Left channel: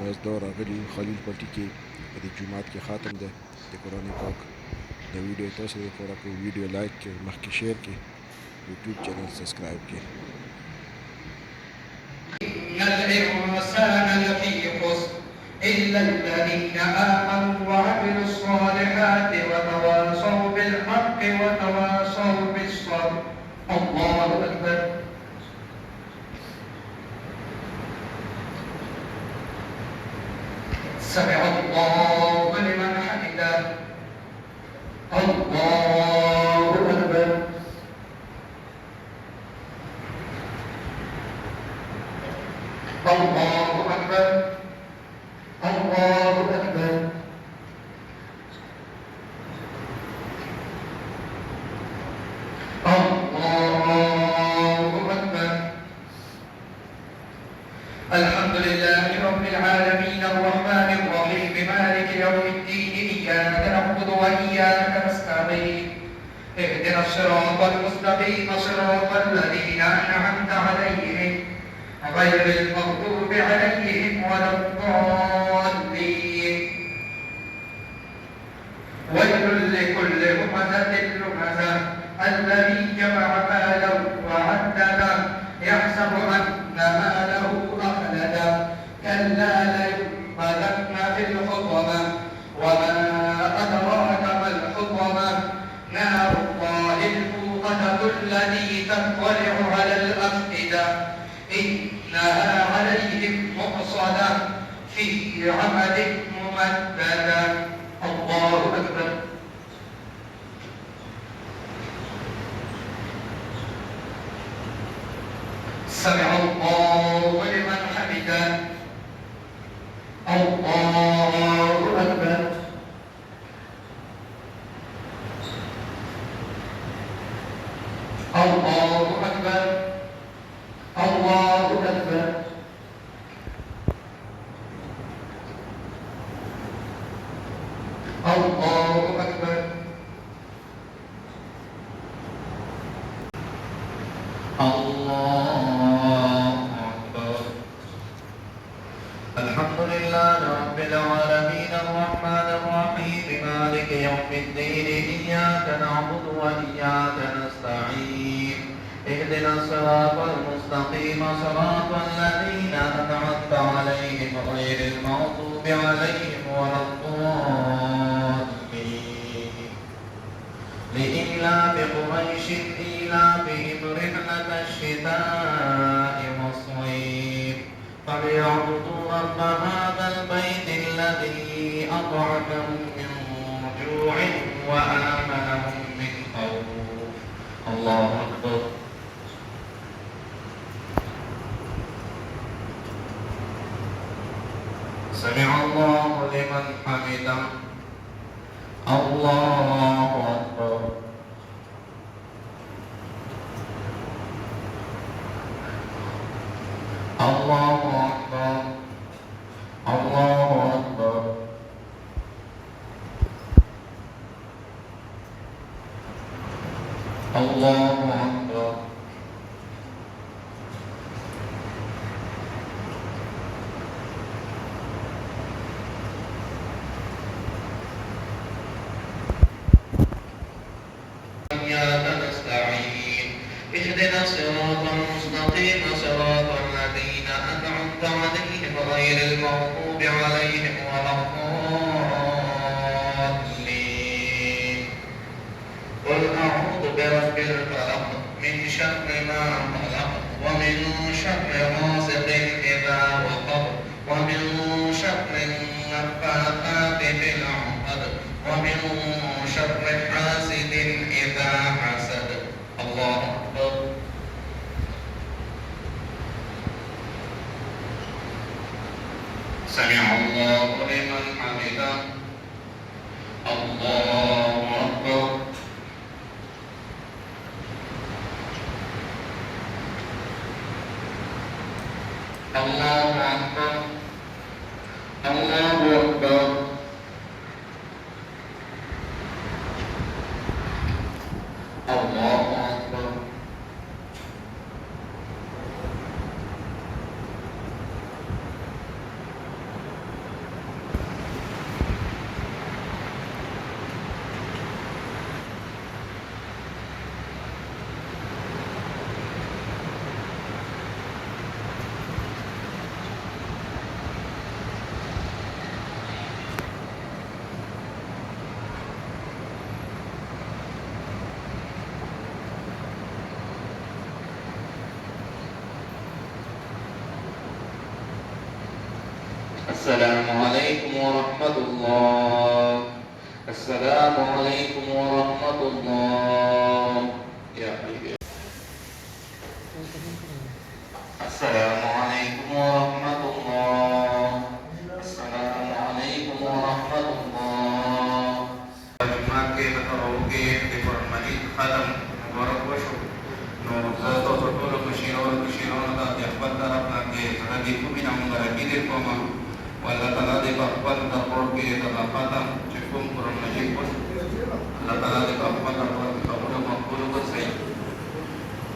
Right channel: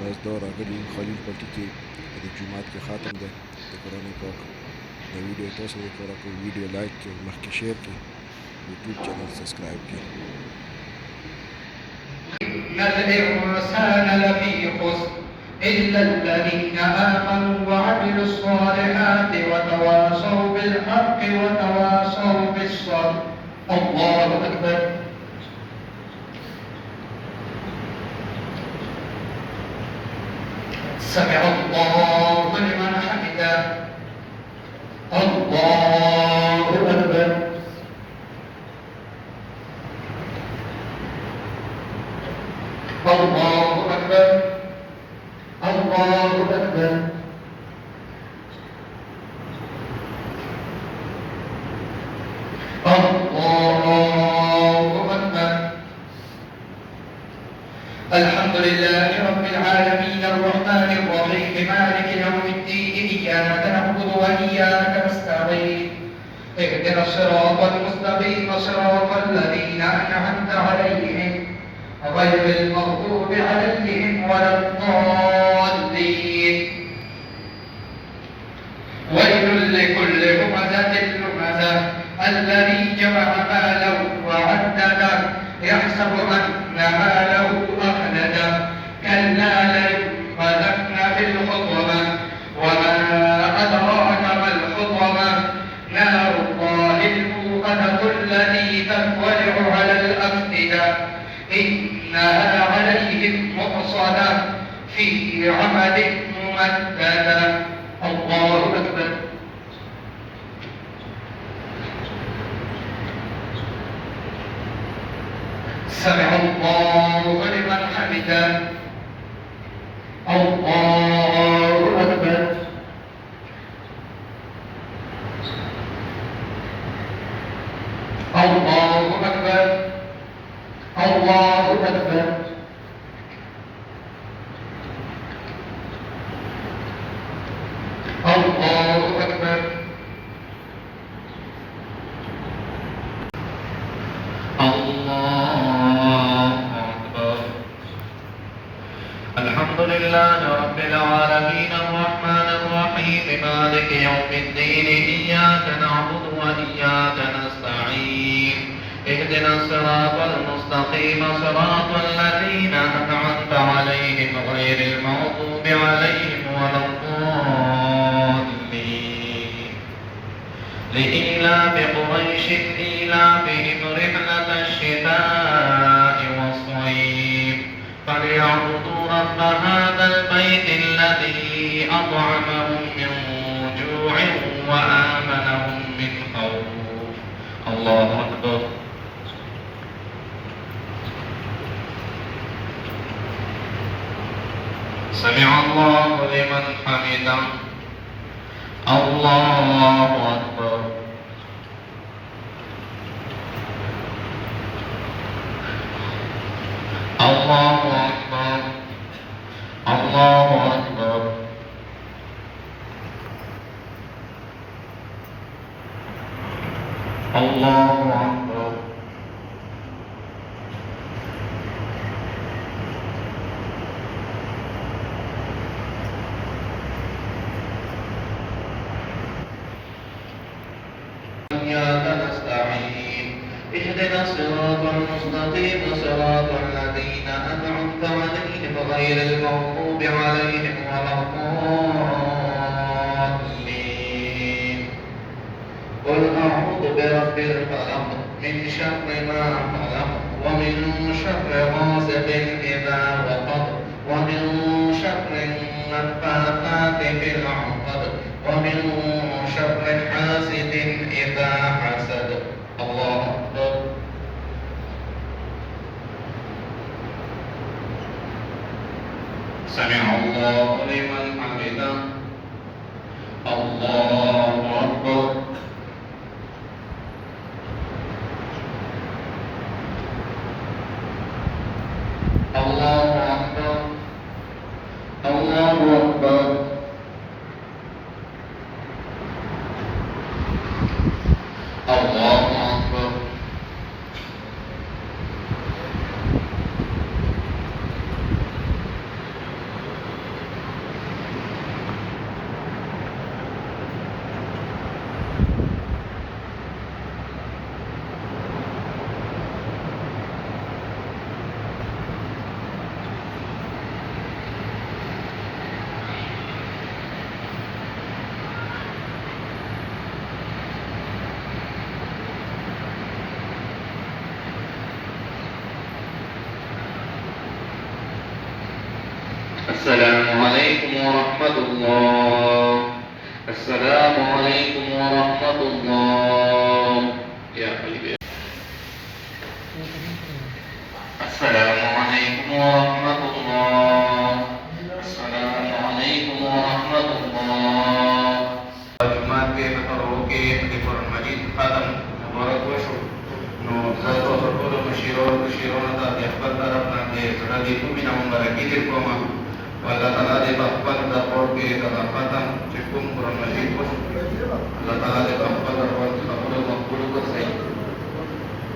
بس دا راغلی خلیل پټي کې د جمعات کې خاتم ده د قرآن پاک د ویډیو تاسو لپاره کوو ویډیو لایک کړئ مخکې شیر کړئ یوټیوب چینل سبسکرایب کړئ إن الإنسان لفي خسر إلا الذين آمنوا وعملوا الصالحات وتواصوا بالحق وتواصوا بالصبر. الله أكبر. سمع الله لمن حمده. الله أكبر. الله أكبر. الله أكبر. الله أكبر. الحمد لله رب العالمين الرحمن الرحيم مالك يوم الدين إياك نعبد وإياك نستعين اهدنا الصراط المستقيم صراط الذين أنعمت عليهم غير المغضوب عليهم ولا الضالين. ويل لكل همزة لمزة الذي جمع ماله وعدده يحسب أن ماله أخلده كلا لينبذن في الحطمة وما أدراك ما الحطمة نار الله الموقدة التي تطلع على الأفئدة إنها عليهم مؤصدة في عمد ممددة. الله أكبر. سمع الله لمن حمده. الله أكبر. الله أكبر. الله أكبر. الله أكبر. الله أكبر. الحمد لله رب العالمين الرحمن الرحيم مالك يوم الدين إياك نعبد وإياك نستعين اهدنا الصراط المستقيم صراط الذين أنعمت عليهم غير المغضوب عليهم ولا الضالين. لإيلاف قريش إيلافهم رحلة الشتاء والصيف فليعبدوا رب هذا البيت الذي أطعمهم من جوع وآمنهم من خوف. الله أكبر. سمع الله لمن حمده. الله أكبر. الله أكبر. الله أكبر. الله أكبر. إياك نستعين اهدنا الصراط المستقيم صراط الذين أنعمت عليهم غير المغضوب عليهم ولا الضالين. قل أعوذ برب الفلق من شر ما خلق ومن شر غاسق إذا وقب ومن شر النفاثات في العقد ومن شر حاسد إذا حسد. الله أكبر. سمع الله لمن حمده. الله أكبر. الله أكبر. الله أكبر. الله أكبر. السلام عليكم ورحمة الله. السلام عليكم ورحمة الله. يا حبيبي. السلام عليكم ورحمة الله. السلام عليكم ورحمة الله. Jumat ke taruh ke di Quran Majid khatam mubarak washu no sato berpuluh musyiro nata diakbar taraf nanti lagi pun minang barakidit koma wala tala de bakbar taruh ke khatam cikum Quran Majid pun wala tala de bakbar taruh ke makbul ko say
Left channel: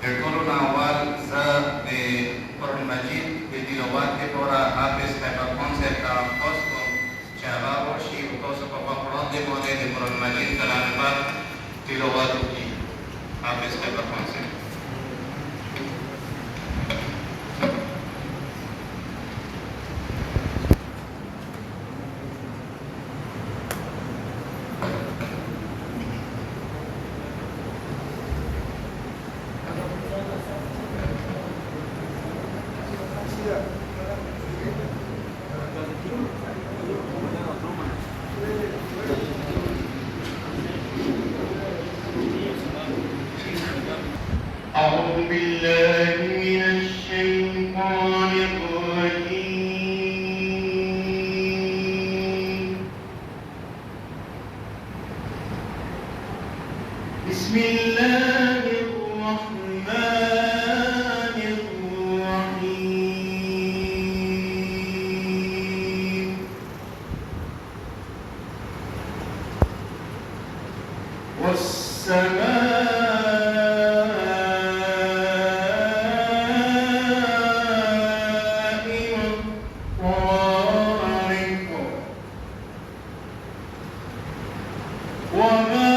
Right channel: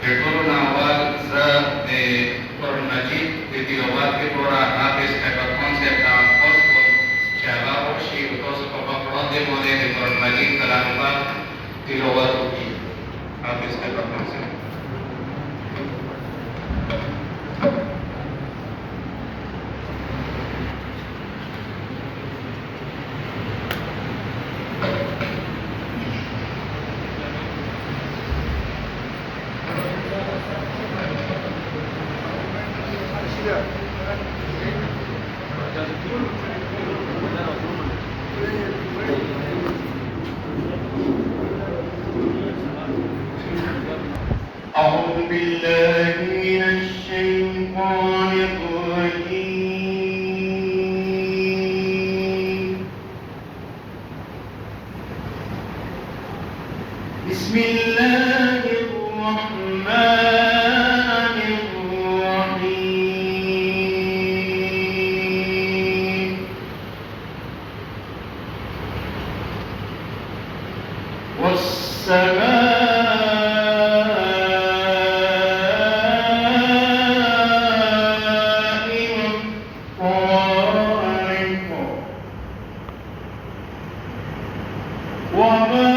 Dekor awal za de Quran Majid de tilawat ke pora habis kata konsep kos cara worshi kos papa Quran de more de Quran Majid kalanpa tilawat ki habis kata konsep أعوذ بالله من الشيطان الرجيم بسم الله الرحمن الرحيم وما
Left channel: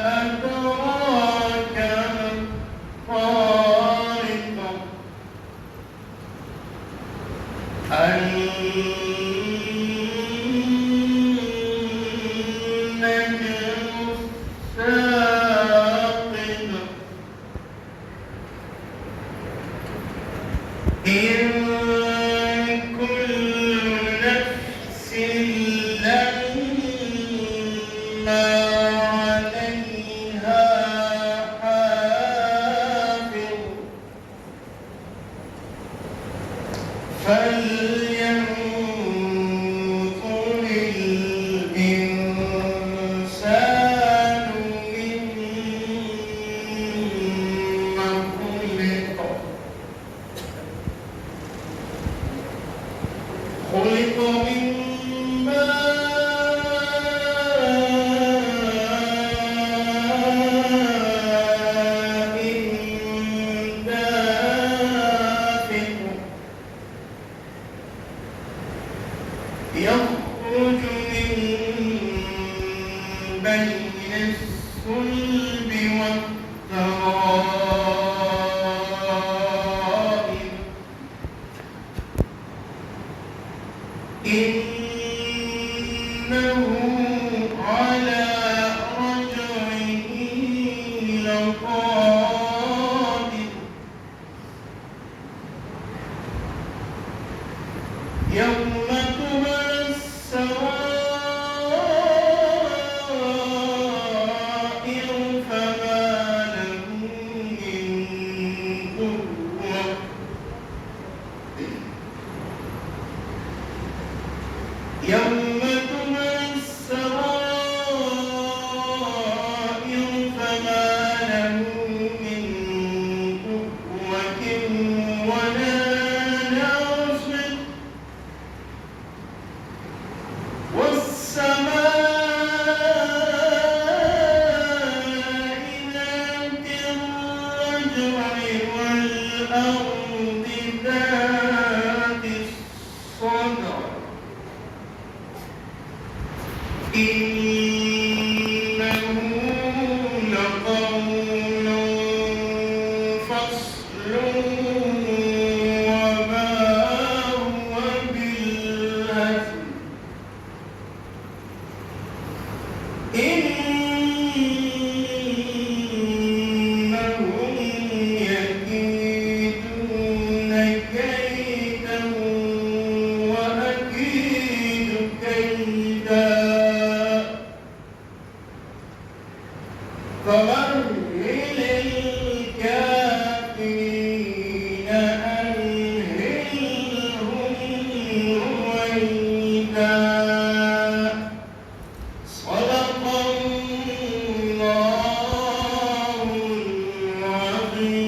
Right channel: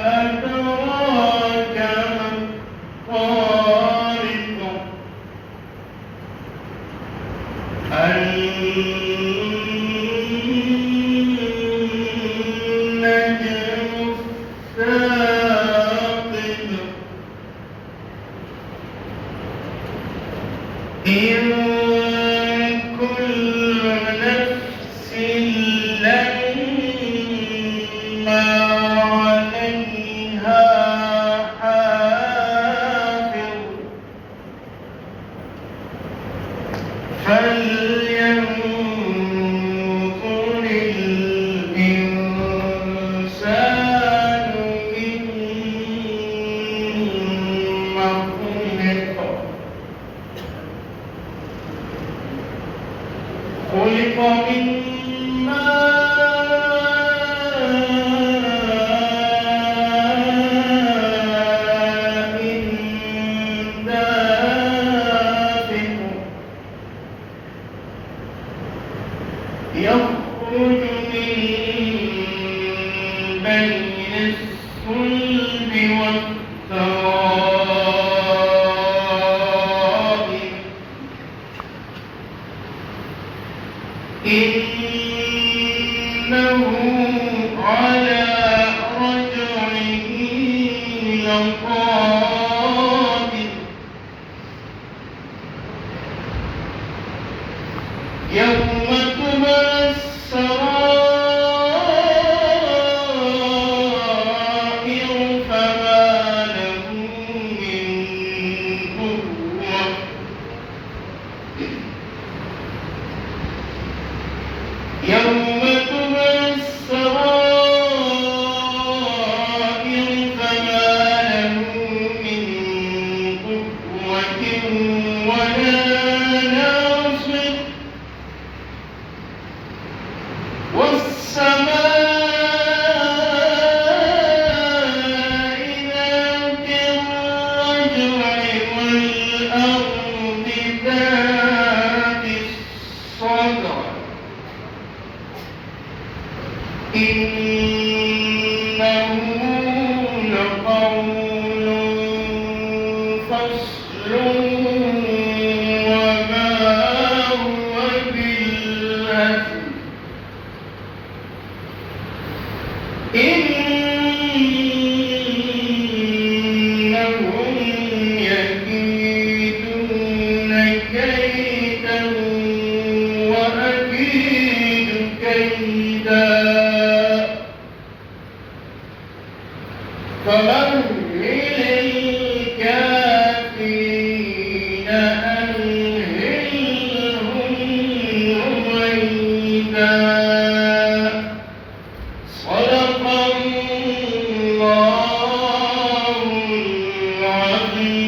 أدراك ما الطارق النجم الثاقب إن كل نفس لما عليها حافظ فلينظر الإنسان مما خلق فمهل الكافرين أمهلهم رويدا صدق الله العظيم.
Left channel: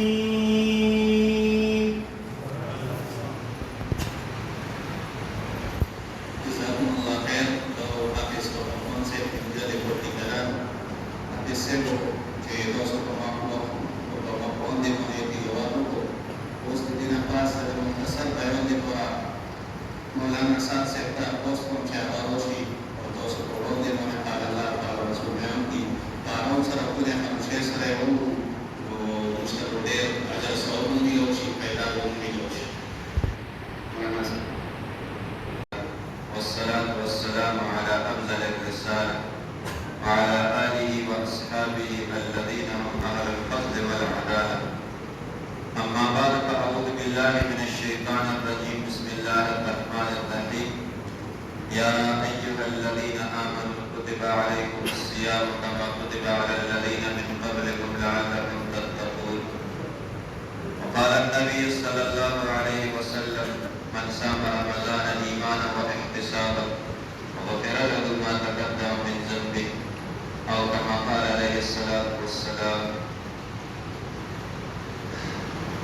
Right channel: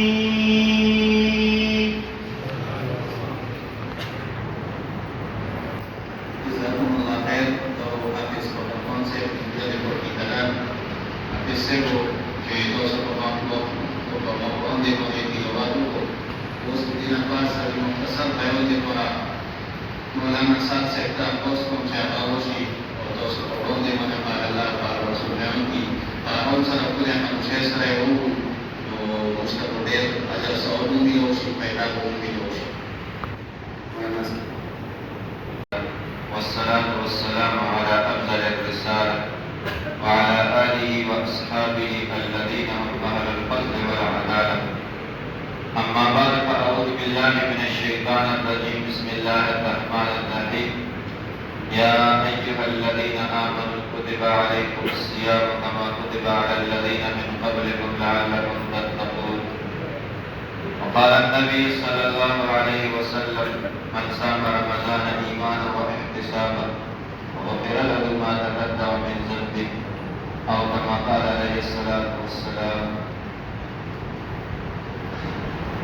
Jazakumullah khair atau hadis atau konsep menjadi perkitaran hadis sebo ke dosa pemabuk atau pemabuk di menjadi lalu terus tidak pas dari mengesal tayo di para mengenai saat sektor pos pencari awasi atau sepuluh di mana para para rasulnya di para unsur yang manusia saya unsur model ajar seorang di awasi pedagog di awasi. والصلاة والسلام على أفضل الرسالة وعلى آله وأصحابه الذين هم أهل الفضل والعدالة. أما بعد فأعوذ بالله من الشيطان الرجيم. بسم الله الرحمن الرحيم. يا أيها الذين آمنوا كتب عليكم الصيام كما كتب على الذين من قبلكم لعلكم تتقون. وقال النبي صلى الله عليه وسلم من صام رمضان إيمانا واحتسابا غفر له ما تقدم من ذنبه أو كما قال عليه الصلاة والسلام.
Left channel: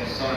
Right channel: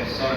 ihsan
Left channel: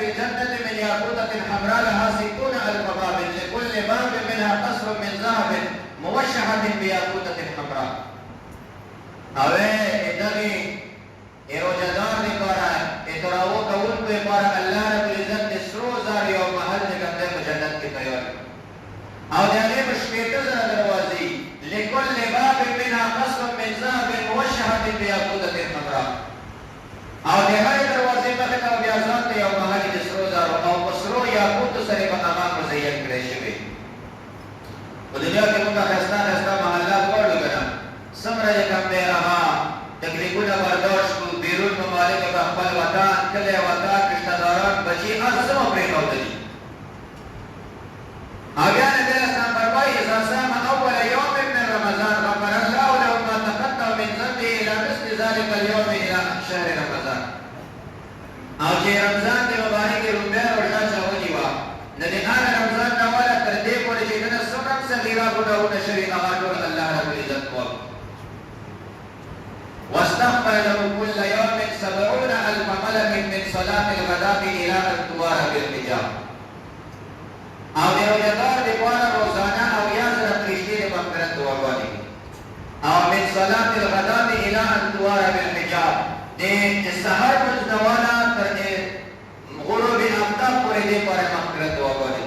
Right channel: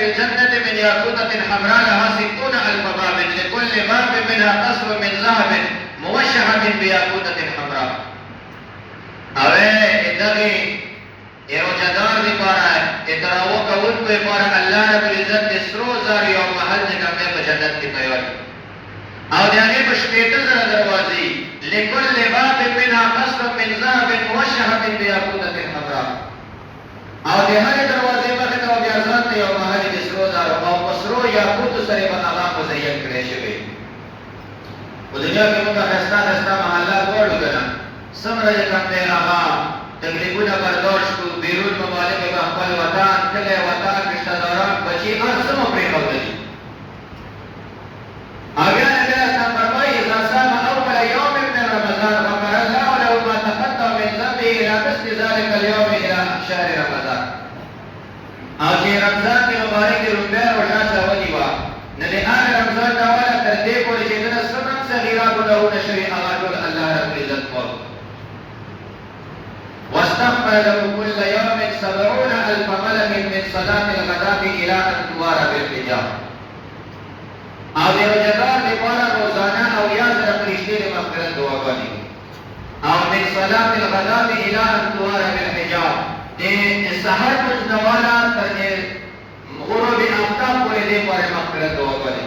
في الجنة من ياقوتة حمراء لها 60,000 باب لكل باب منها قصر من ذهب موشحة بياقوتة حمراء. اوه ادغي روزدار دی پارا اتراو کون کو پارا اللہ رب العزت دی سرو زار یو محل دی کم دے پا جنت کی تیار او دیانے بشپیت زر دروازی لکل باب منها قصر من ذهب موشحة بياقوتة حمراء او دی ہر دروازے پر تو بیازان دی یو محل دی سرو زار او مسرو یاقوت سره په تمام مزین کړی شوی په دنیا کې موږ خستا محلات وړو کنه سمره کم دے هغه تکلیفونه برداشت کو بیرون ممالک به خپل وطن کله وطن رشتہ داران بچی هر څه پرې کوي اگر نبی اسلام فرمایي اذا صام اول يوم من رمضان غفر الله له ما تقدم من ذنبه الى مثل ذلك اليوم الى شهر رمضان او چې رمضان کې مبارک روزه روزه چاودي وا نه د هغه رمضان دا ولا تر دې پورې چې د سبب صغیرا ګناهونه شریعه الله رب العزت کو واستغفر له كل يوم 70,000 ملك من صلاة الغداء إلى أن توار بالحجاب. او د روزدار د پاره روزانه او یا سره فرشتي د مغفرت دعاګانې او من صلاة الغداء إلى أن توار بالحجاب د سحر مزدواله تر غروب آفتاب پورې د پاره مغفرت دعاګانې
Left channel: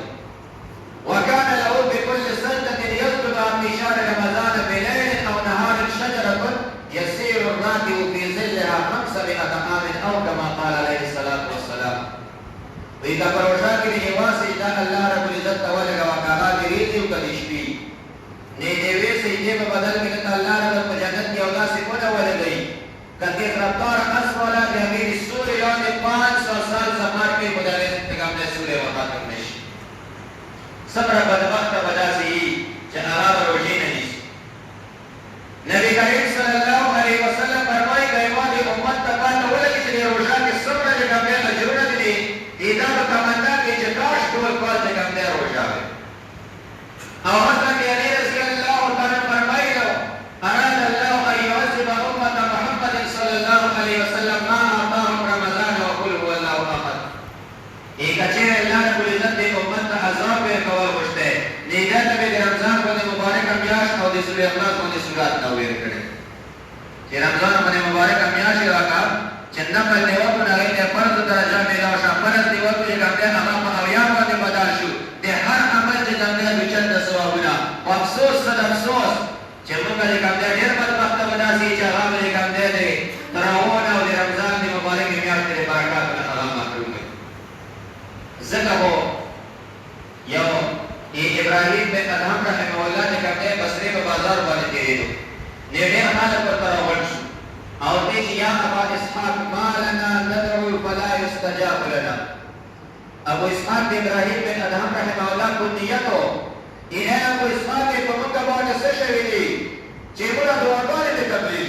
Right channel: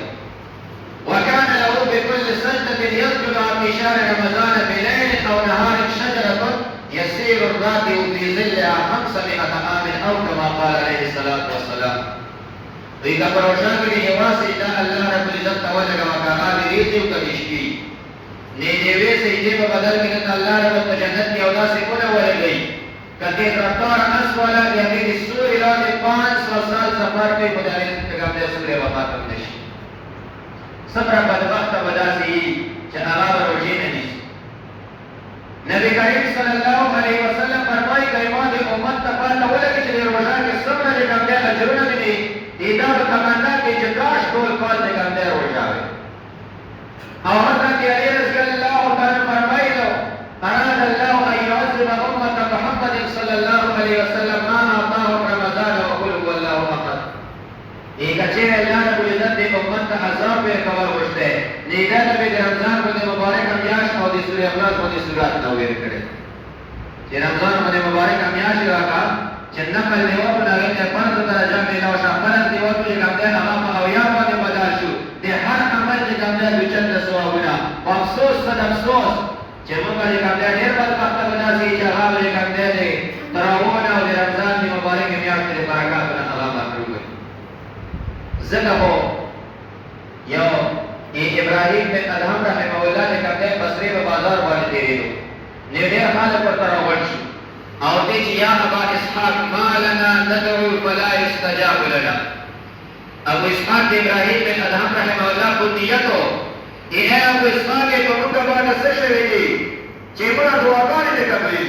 وكان له بكل سجدة يسجد في شهر رمضان بليل أو نهار شجرة يسير الراكب في ظلها 500 عام او كما قال عليه الصلاه والسلام. وإذا پروژه کې یوازې دا الله رب العزت تعالی کا هغه ریږي او کلیشي نه دیوي سجدي په بدل کې الله رب په جنت کې اولا سے کوله ولګي کدي رفتار اسواله یعنی سوري لاندې 500 سال سفر کې بدلې پیغام دې سوري وفات کړي صبر بدبخت وداسي چې هغه روزي نه نيسي نبی کریم صلی الله علیه وسلم فرمایي کایما د امت ته پاته ولګي چې روزه کې صبر دې کامیاب اجرونه دي دا په تمنا کې چې کاش ټول پاس دې کامیاب روزه وي او حضرت علی رضی الله تعالی فرمایي اراد الله ان يعذب امه محمد صلی الله علیه وسلم ما اعطاهم رمضان وقل هو الله احد ایک چې الله رب العزت دې امت ته عذاب ورکول وشته نیګه د رمضان په مبارک میاشت او د سورې اخلاص باندې سورات نو ویل کړي چې رمضان باندې مبارک میاشت راکا چې نقل دیو په لغې ته فرض درجه ملو شو فرض دیو په ګټه هغه په اویا باندې بدل شو د هر عمل چې ګټه د چند ثوابونه افسوس صد افسوس چې موږ یې ګټه ډېر بدبخت وداسي چې هغه یې ګټه دې تراونه او د رمضان د مبارک میاشت د برکات په هغه مخلوق زګه هو یو ابراهیم بن ادهم رحمه الله نے کہتے ہیں بصری و بازار والے تیرے دو نیڑے ہمارے پر تراوٹ شو او دې چې یا ابا اسحاق ما لنا ندعو فلا يستجاب لنا ابو اسحاق ابراهیم بن ادهم رحمه الله کو نیتو اے ابو اسحاق په موږ باندې څه شوی دی چې موږ دعاګانې وکړې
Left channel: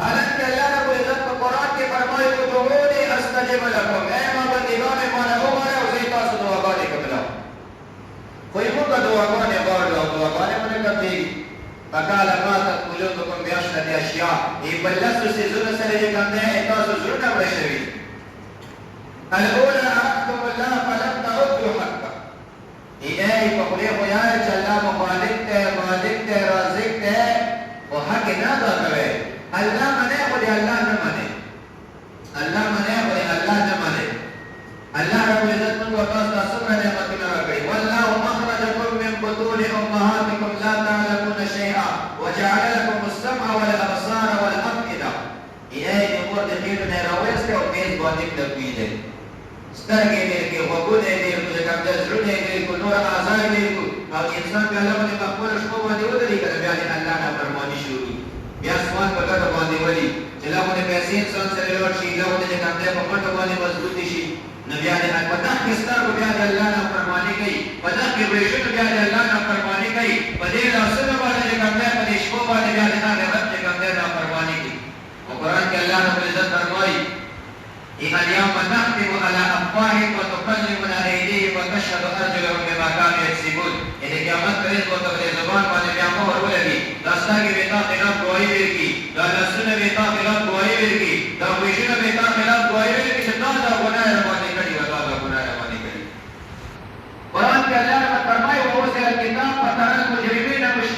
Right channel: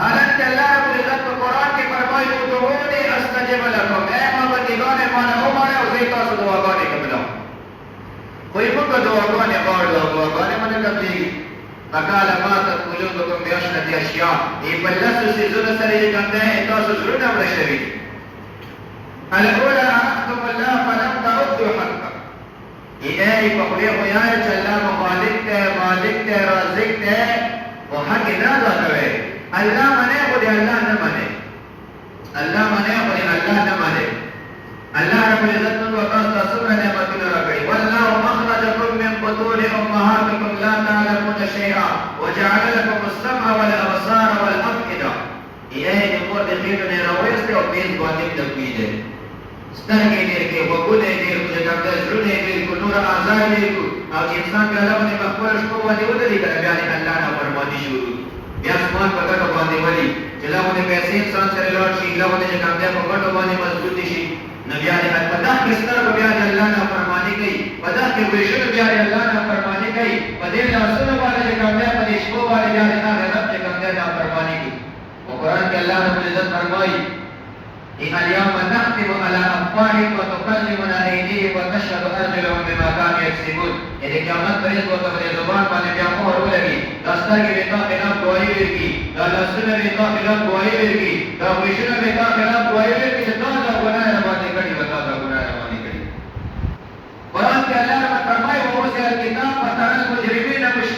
حالانکه الله رب العزت په قران کې فرمایي ادعوني استجب لكم اے ما بندگان ما نه وماره او زه تاسو دعاګانې کوم کوئی موږ دعاګانې غواړو او دعاګانې باندې کوي فقال ما تقولون بعشرة اشياء ای بلسو سيزونه سره یې کوم نه تاسو زړه ورشوي الاولى عرفتم الله فلم تعدوا حقه ای په خو یې وایي چې الله مالک ته رازق ته او حق نه ادا کوي الله منه خو دې الله نه منه الله منه خو دې الله نه منه الله رب العزت نو تاسو سره نعمتونه راکړي والله اخرجكم من بطون امهاتكم لا تعلمون شيئا وجعل لكم السمع والابصار والافئده ای امور د دې نه راوېسته او پیس باندې تکویده سترګې دې کې وګورې دې چې کوم زړه دې کو نور آزاد دې کو او انسان په لاره باندې خپل شپه باندې ودرې کړه بیا الله نه فرمانی شروع بیا اسمان په ګټه باندې ولي چې له پیسې انسان سره لاړ شي له دې کوم دې په ګټه باندې مضبوط شي نبی علیہ السلام کستر بیا اللہ نے فرمانی گئی ودا کے ویشن بیا اللہ نے فرمانی گئی بدے رسول والے کمے پر شو والے بیا اللہ نے رب کے کمے کا فرمانی کی قرآن کے اللہ نے عزت فرمائی ان اليوم نختم على افواههم وتكلمنا ايديهم وتشهد ارجلهم بما كانوا يكسبون یعنی قیامت پر اس وقت زبان والے بیا مہر ولگی دستا کی بیتا خلاف گواہی ورکی دا لسن بیتا خلاف گواہی ورکی دا ویشن بیتا خلاف گواہی ورکی جتا دا گناہ باندې کړي وتا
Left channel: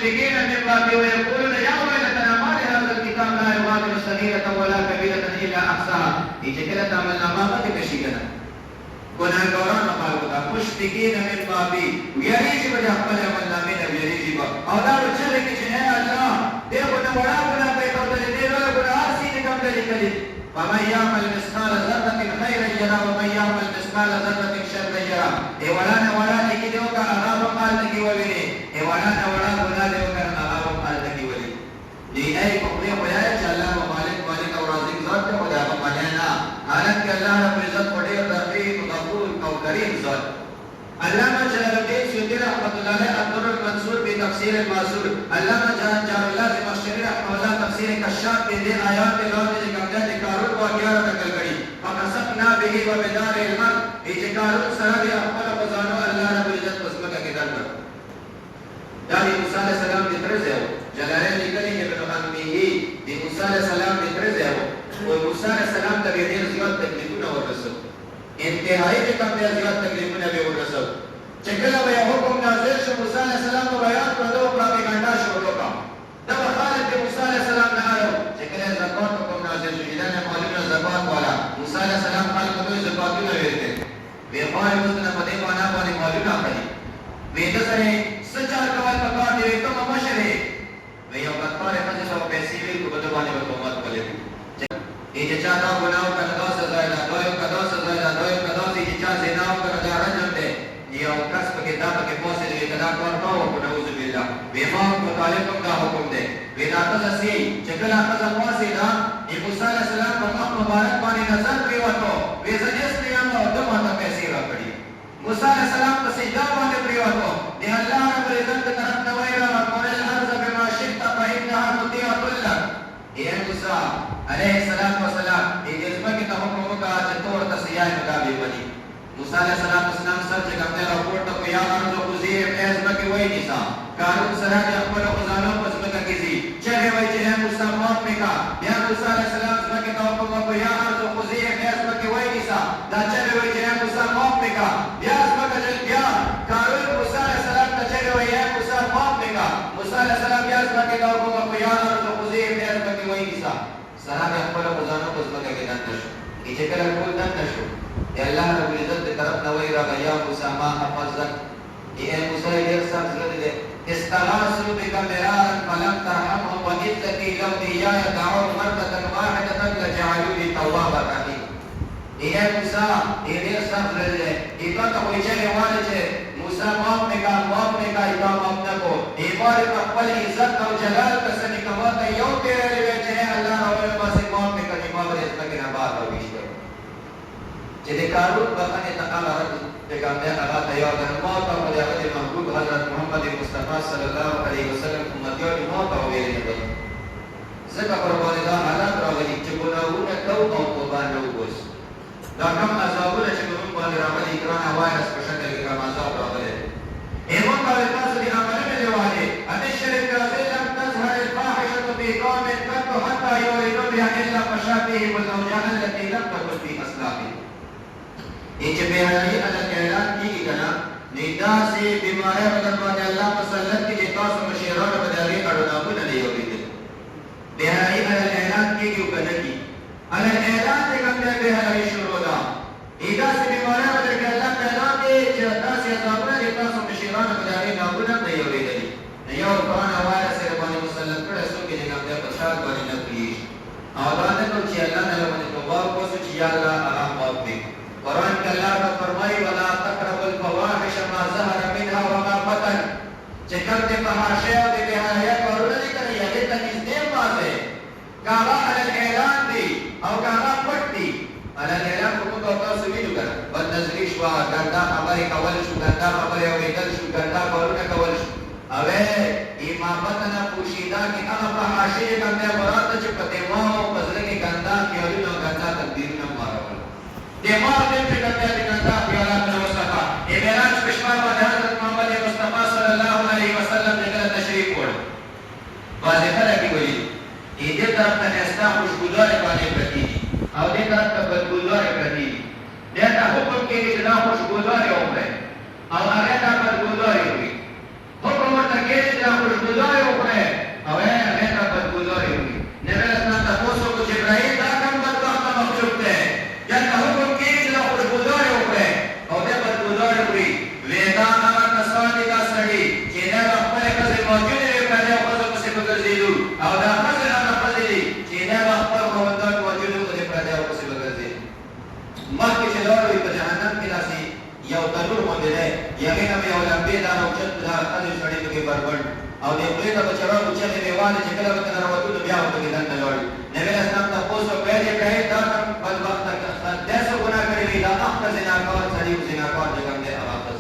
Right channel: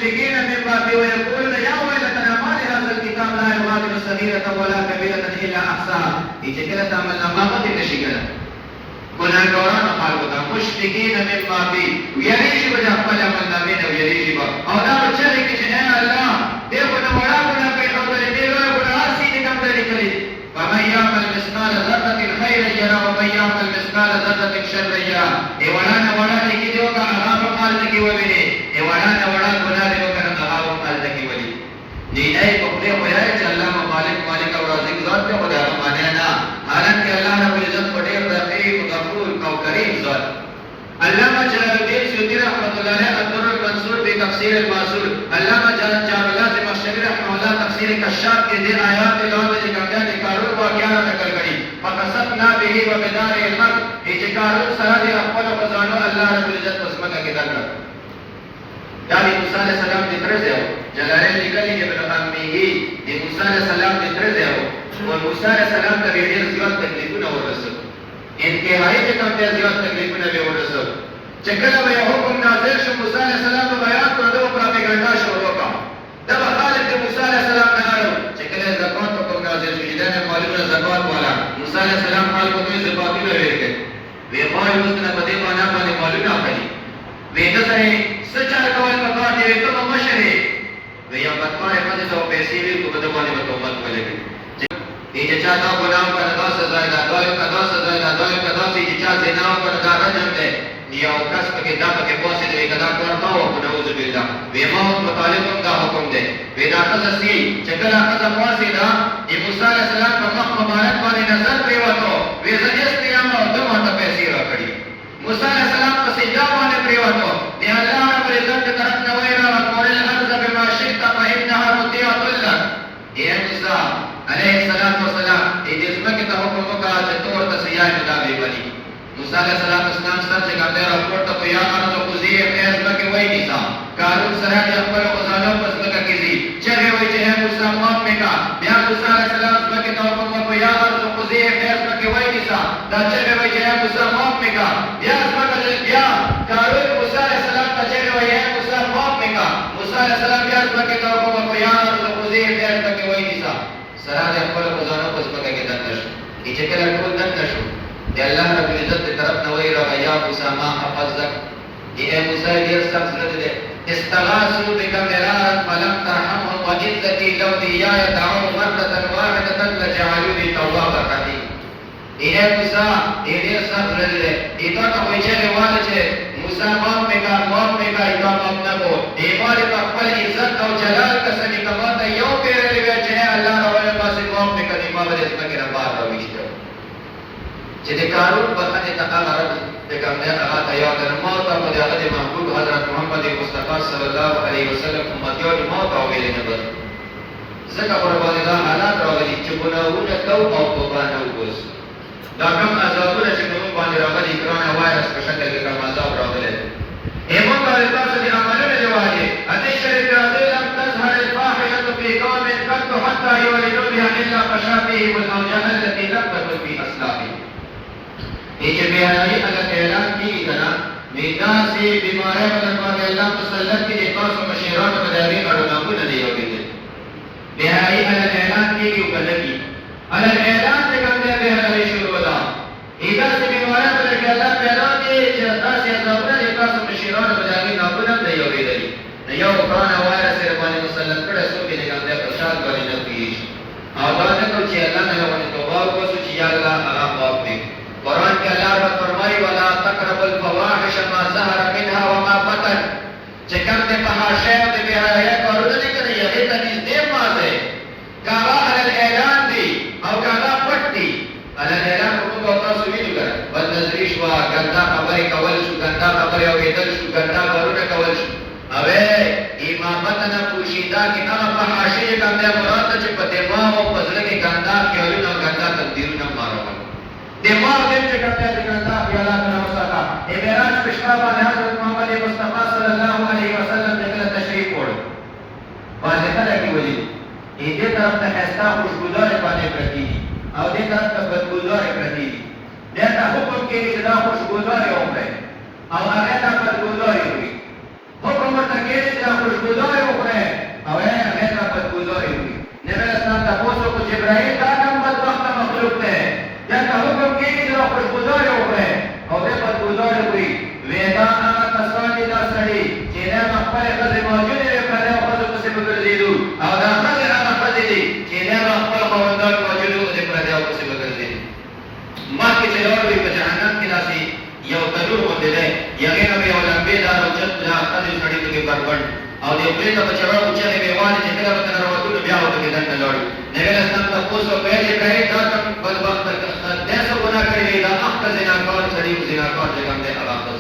مشفقين مما فيه ويقولون يا ويلتنا ما لهذا الكتاب لا يغادر صغيرة ولا كبيرة إلا أحصاها. چې کله تعملنا ما مخکې نشي کنه ګناهګاران خلکو ته مشفقین مما فيه ویریږي به د خپل عملنامې نه ویریږي به او دا به چغې کړي چې ای الله دې خو نه وړا ګناه کوي او دې لویه ګناه هر څه دې کم لیکلي ومن يعمل مثقال ذرة خيرا يره ومن يعمل مثقال ذرة شرا يره. ای وړا نه وړا لیکي دی وکړه هغه په مال نه کې وویني ای وړا نه وړا ګناه دی وکړه هغه په مال نه کې ولي دی ای په خپل وایي چې الله مالک او رازق ذات دی خدای هغه معنی نه حالانکه الله رب العزت په ډېر رحیم غفور او کریم ذات. علامہ جلال الدین سیوطی رحمۃ اللہ علیہ الدر المنصور بتفسیر الماثور. علامہ جان اللہ زمخشری رحمہ اللہ تفسیر کشاف کے دے آیات کے لوگ نے کہا کہ کارون واقعہ نقل کری فقصدنا به وبدار الحق یہ کارون سرا دے خپل خزانو الله رب العزت قسمت کے در کر یعنی موسی علیہ السلام دے ترز ہے جلالین لکلی ابن امیہ دی موسی علیہ السلام دے ترز ہے اور موسی علیہ السلام ته ډېر زیات تکلیفونه ورسول انتهایی چې کوم ډېر زیات تکلیفونه به ورسول چې کله به حکم نازل شو موسی علیہ السلام په بیان کړو دا پروپاګاندا شروع وکړه دا خالد موسی علیہ السلام نه اړو چې کله زکات حکم نازل شو دا نه معلومه زکات والا موسی علیہ السلام خلکو ته زکاتونه ورکړي وی وایي اوس نه په دې باندې معلومه کړي وی دا سره سچا کول په کار دی ته مشره وی یو پټه په څه پیسې وی په دې باندې وته ولګي یہ چاہتا گناہ کا دا سزا ہے دا کا سزا ہے دا کا سے چا زنا پر دا رجم دے یا کس کے دا کے پوسے دے دا کار نہ ہو نعوذ باللہ بے موت مطالب کا حکم دے بے دا سی چکلا کا پوسے دا یہ موسی علیہ السلام کا مخ مبارک پر نظر پہ وتو وے زنیس قیام او دو ماتا پیسے رکھڑی موسی علیہ السلام کو سجدہ مانے پہ وتو نے اللہ رب العزت کی طرف نویرا وقال الارض بما شئت فانها مطيعه لك اے موسی علیہ السلام والسلام یہ جسمہ کی تحقق کا جتور تسیائی مدابی بلی موسیٰ علیہ السلام سر جگہ میرا پورتا کو یا کرو تو خزی اپنے کے وہی نیسا کارون سرح جب پر خزانوں پس کا کسی چہے ہوئی چہے موسیٰ موت میں کا بیا موسیٰ علیہ السلام کے تحقق کو یا کرو تو خزی اپنے کے وہی نیسا دا چہے ہوئی چہے موسیٰ موت میں کا بیا کارون موسیٰ علیہ السلام کا چہے ہوئی ہے موسیٰ موت میں کا موسیٰ علیہ السلام بیا کے تحقق کو یا کرو تو خزی اپنے کے وہی نیسا سرا دے خپل خزانو پس پکې کې دنه شو چې کله ټول دنه شو د الله رب العزت په طرف نو وی راغی یا موسی ما حفظک اے موسی ډیر سخت زړه دې استغاثوا بك مرارا فلم ترحمهم وعزتي لو اياي دعوا مرة واحدة لجعلوني توابا رحيم اے موسی ډیر سخت زړه دې ایکا ته وی چې واله چې موسی ماف میکا ایکا ماف نه کو ایمال په خپل عزت او جلال کسنی کماته یو پیری چې د کارون بخنه تعالی رب پیغمبر هغه ته یو د موت او د هغه محبوب حضرت محمد مصطفی صلی الله علیه وسلم امتیو د موت او ویل نه بل زکه پر باندې دا حالات راغلي چې ګناهونه کو او توبه نه وګس دا کوم عذابونه چې موږ باندې راغلي کرونا وایرس په شکل کې کوم عذاب راغلي ایمو کا تاسو د عملونو دی واجب اته شریف راځي لم تظهر الفاحشه في قوم قد حتى يولدوا بها الا فشابه وزوجها التي لم تكن في اصلابه یہ جو بیانی اللہ اعلان کی کنا میدا سے بیماری بدن باندې الله مسلط کی خاص مشیران بداری اړو نه دی یو دي بیانی اللہ اعلان کی یو بدلی اللہ اعلان ته کوم دی بیانی شروع ولا ایدا سے بیماری بدن کې الله پیدا کی چې تاسو یې زابره د خاص مشیران بداری نه دی یو دي یو قرآن وایرس باندې مسلط کړه سو کې لګا دی ارشاد باندې نه پیش اواز کو چې الله نه ونه توبه وکړو چې یا الله آرام واپې قرآن کے اللہ رب فرمائی وَلَا تَقْرَبُ الْفَوَاحِشَ مَا ظَهَرَ مِنْهَا وَمَا بَطَنَ چکر دے فحاشے و دے بیہایہ قرآن نہیں کرے یہ تنیز دے مازے کارا علی اعلان دی او کارا پٹ دی علی اعلان حکم کو اپنا سویدو کر بد نظری شوا گندہ خبری کول شو گندہ خبری او ایدل شو گندہ قرآن کول شو اوے امامتنا پوشیدہ کی اما فحاشے گندہ مراد چپ دیماغ و پزرگی گندہ کیولون و گندہ تقدیرون مارا دماغ دل سے کرتے ہیں جنتا پیالا بنا مساقہ اے میراج پشوا بعد حضرت محمد مصطفیٰ صلی اللہ علیہ وسلم جگہ تشریف پڑھ واضح ہے کہ ولی یہ دے طرف تخیستہ خوشگزار پانے پرتی اور دے طرف کا بدگزار پرتی دیتا حکم کے لیے اتنا خوشگزار ہوں گے اور آنے کا بدگزار ہوئی حکم مرتکیل اتنا خوشگزار نه یغه به اولمبه دا او چت دا خالي سړی کې بربند او دې په دې بچو چې نه ویواله چې کله وته راوته بیا وته کې دنه لوري نبی اسلام تاسو په دې کې دا کوم بدبخت داسه ګناه کړی دی دا خپل زناکار شریف زناکار دې کوم دې اواز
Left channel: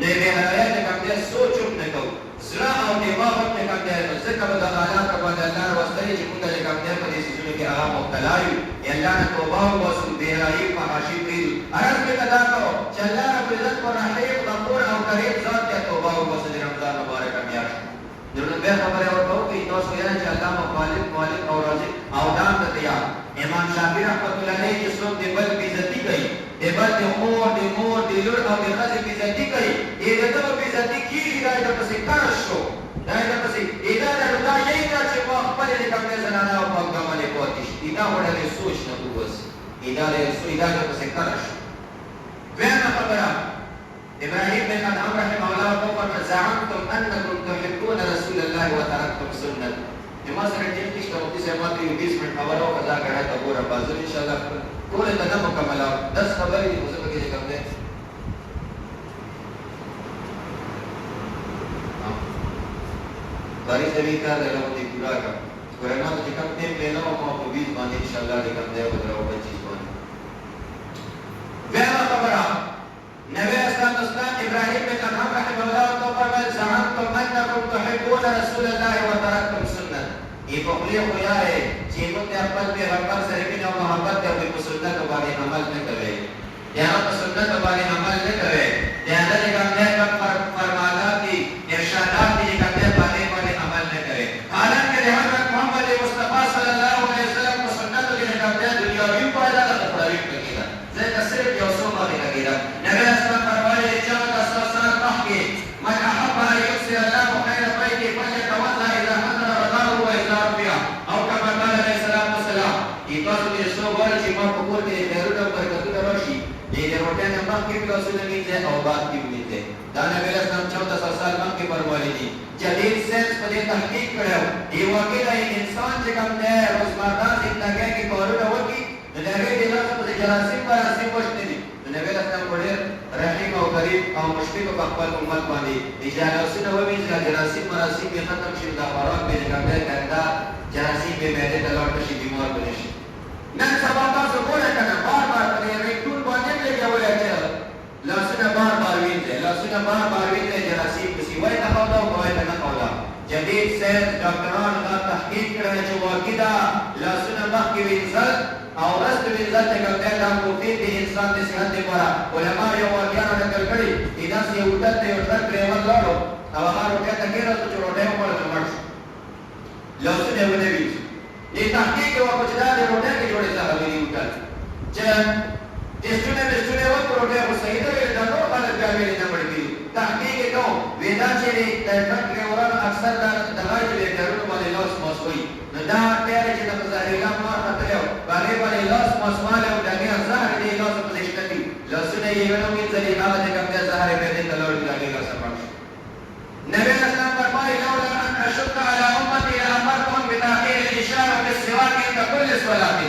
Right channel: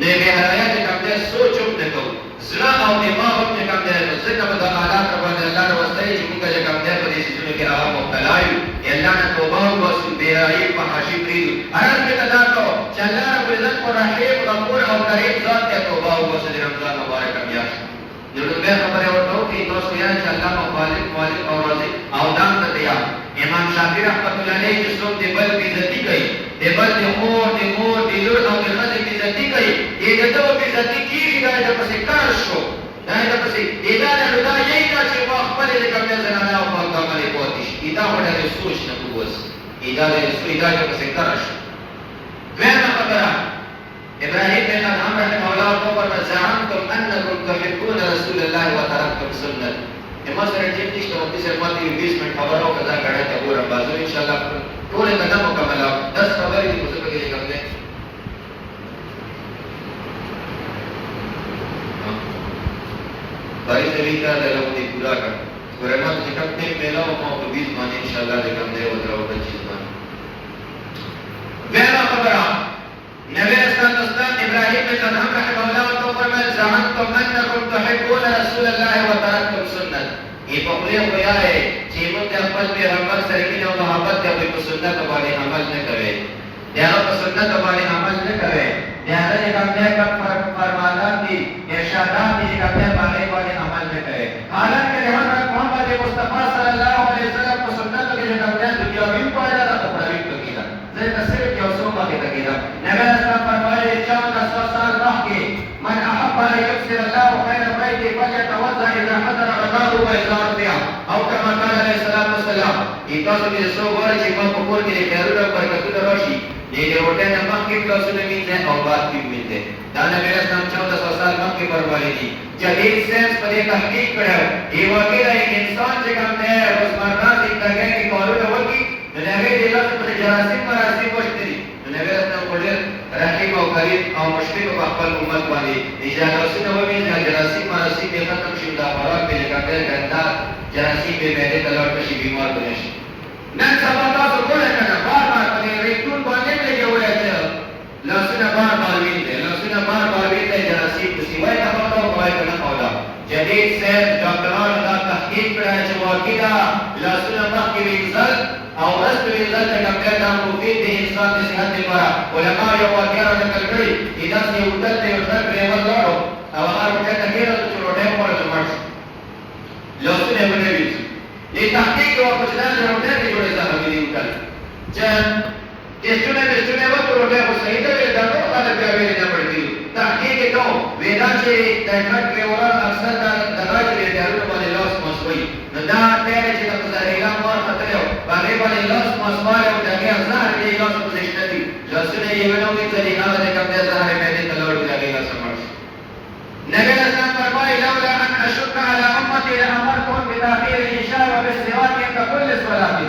نه به حیات کوم دې سوچو نه کو زړه او دماغ په کوم دې ځکه به دا حالات باندې الله وروستي چې موږ کوم دې په دې سيزونو کې هغه مبتلا یو الله نه توبه او وسو بیاي په حاشي کړی هر کې دا کو چې الله رب عزت کو رحیم غفور او کریم ذات ته توبه او وسو دې رمضان مبارک بیا نو به خبره ورته کې دوست یې چې الله مخالف مالک او رازق او دام ته تیار امام شافعي رحمۃ اللہ علیہ چې څوک دې بل عزت کوي دې بل دې خور دې مور دې لور او دې خځې عزت کوي دې دې ته عزت کیږي دا د پسې کار شو دا د پسې دا دا یې نه چې ما خپل دې کوم زنانه او په عمل کوي دا وړه سوچ نه کوس دا د پسې کار شو دویمه خبره ابراهيم بن ادهم رحمه الله وقال زعمتم انكم تحبون رسول الله وتركتم سنته ما سره ټیم نشته او دې سره ماته 20 منټ خبرو کدا غړا ته ګورم بازو ان شاء الله ټول نه مکمل او 10 خبرې دې څه به کوم نه باري سړي کا له دې پورا کړ ورنه چې کوم ټیم ملاو ما په 20 باندې ان شاء الله دې کوم نه ودرو د چیز باندې وینا خبره نبی اسلام ابراهيم بن ادهم رحمه الله وقال زعمتم انكم تحبون رسول الله وتركتم سنته یہ پخلے ہویا ہے چینوں تے خپل پیغمبر سره مینه او محبت ته په سنت باندې عمل نه کوي دا په سنت باندې عمل نه کوي دا د کوم نه فرمانات دي ارشادات دي کوم نه باندې عمل نه کوي حالانکه حضرت محمد مصطفی صلی الله علیه وسلم په سنت کې کوم نه دنیا وی پایدا د تعریف کیدا زه صرف یو څو باندې کیدا نبی اسلام فرمایي چې 14 سال مخکې من احب ان يكسر الله خير بيته فليتوضا اذا حضر الغار واذا رفع او كما قال عليه الصلاه والسلام تاسو دې سو غواړئ چې په کور کې خیرونه برکتونه راشي دې روټه نه مخکې تاسو نه مینځه او بعد کې مینځه دا نبی اسلام 14 سال مخکې فرمایلی دي جدید ساينس په دې تحقیق کړو یو واقعي انسان چې کوم دی روزمره زندګۍ کې کارونه وکړي نو هغه د لاس په جراثیم مراسم وشتري نبی اسلام په ډېر رحیم او کریم او مشفق په خپل امت باندې اجازه ومي چې جراثیم مراسم یې ختم شي دا خوراک به لګاډه ګندا جراثیم به مېده تلوټ شي بیمار بنه شي نن سبا تاسو ګورئ کنه بار په ریټون باندې لګولای چې لاسونه بار وینځي لاسونه بار وینځي جراثیم د سیوای په خاطر کوي نه کولا جدید سید ډاکټرانو دا تحقیق کړی چې واقعا لاسونه مخکې وینځل او رست وینځل چې کوم دا مفید دی انسان د صحت لپاره علماء یو واقعا نقل کړي دا یو ډول دی او څنګه ورغلو او هغه ورته تغیر چې روټه کوله جوړ لاسونه ونوي لتحقيق وجدان روټه کې جوړه ده همې وکړه چې استونه وکړو روټه خو صحیح ده دا نو خلک بیا ویل نه پړي تحقیق کو ویدا چې د ټرک ډرایور اکثر د هغه د ډرایور باندې لاس مسوي نو دا ټیر چې د مزارېلا مار خطر باندې باندې لاس مسواله او دغه زهر دی لاس پوزیشن دی لاسونه یې ونوي چې هغه د کوم زهر په دې تلور دی لاس سمار نبی اسلام فرمایي لولا ان اشق على امتي لامرتهم بتاخير العشاء وبالسواك عند كل صلاه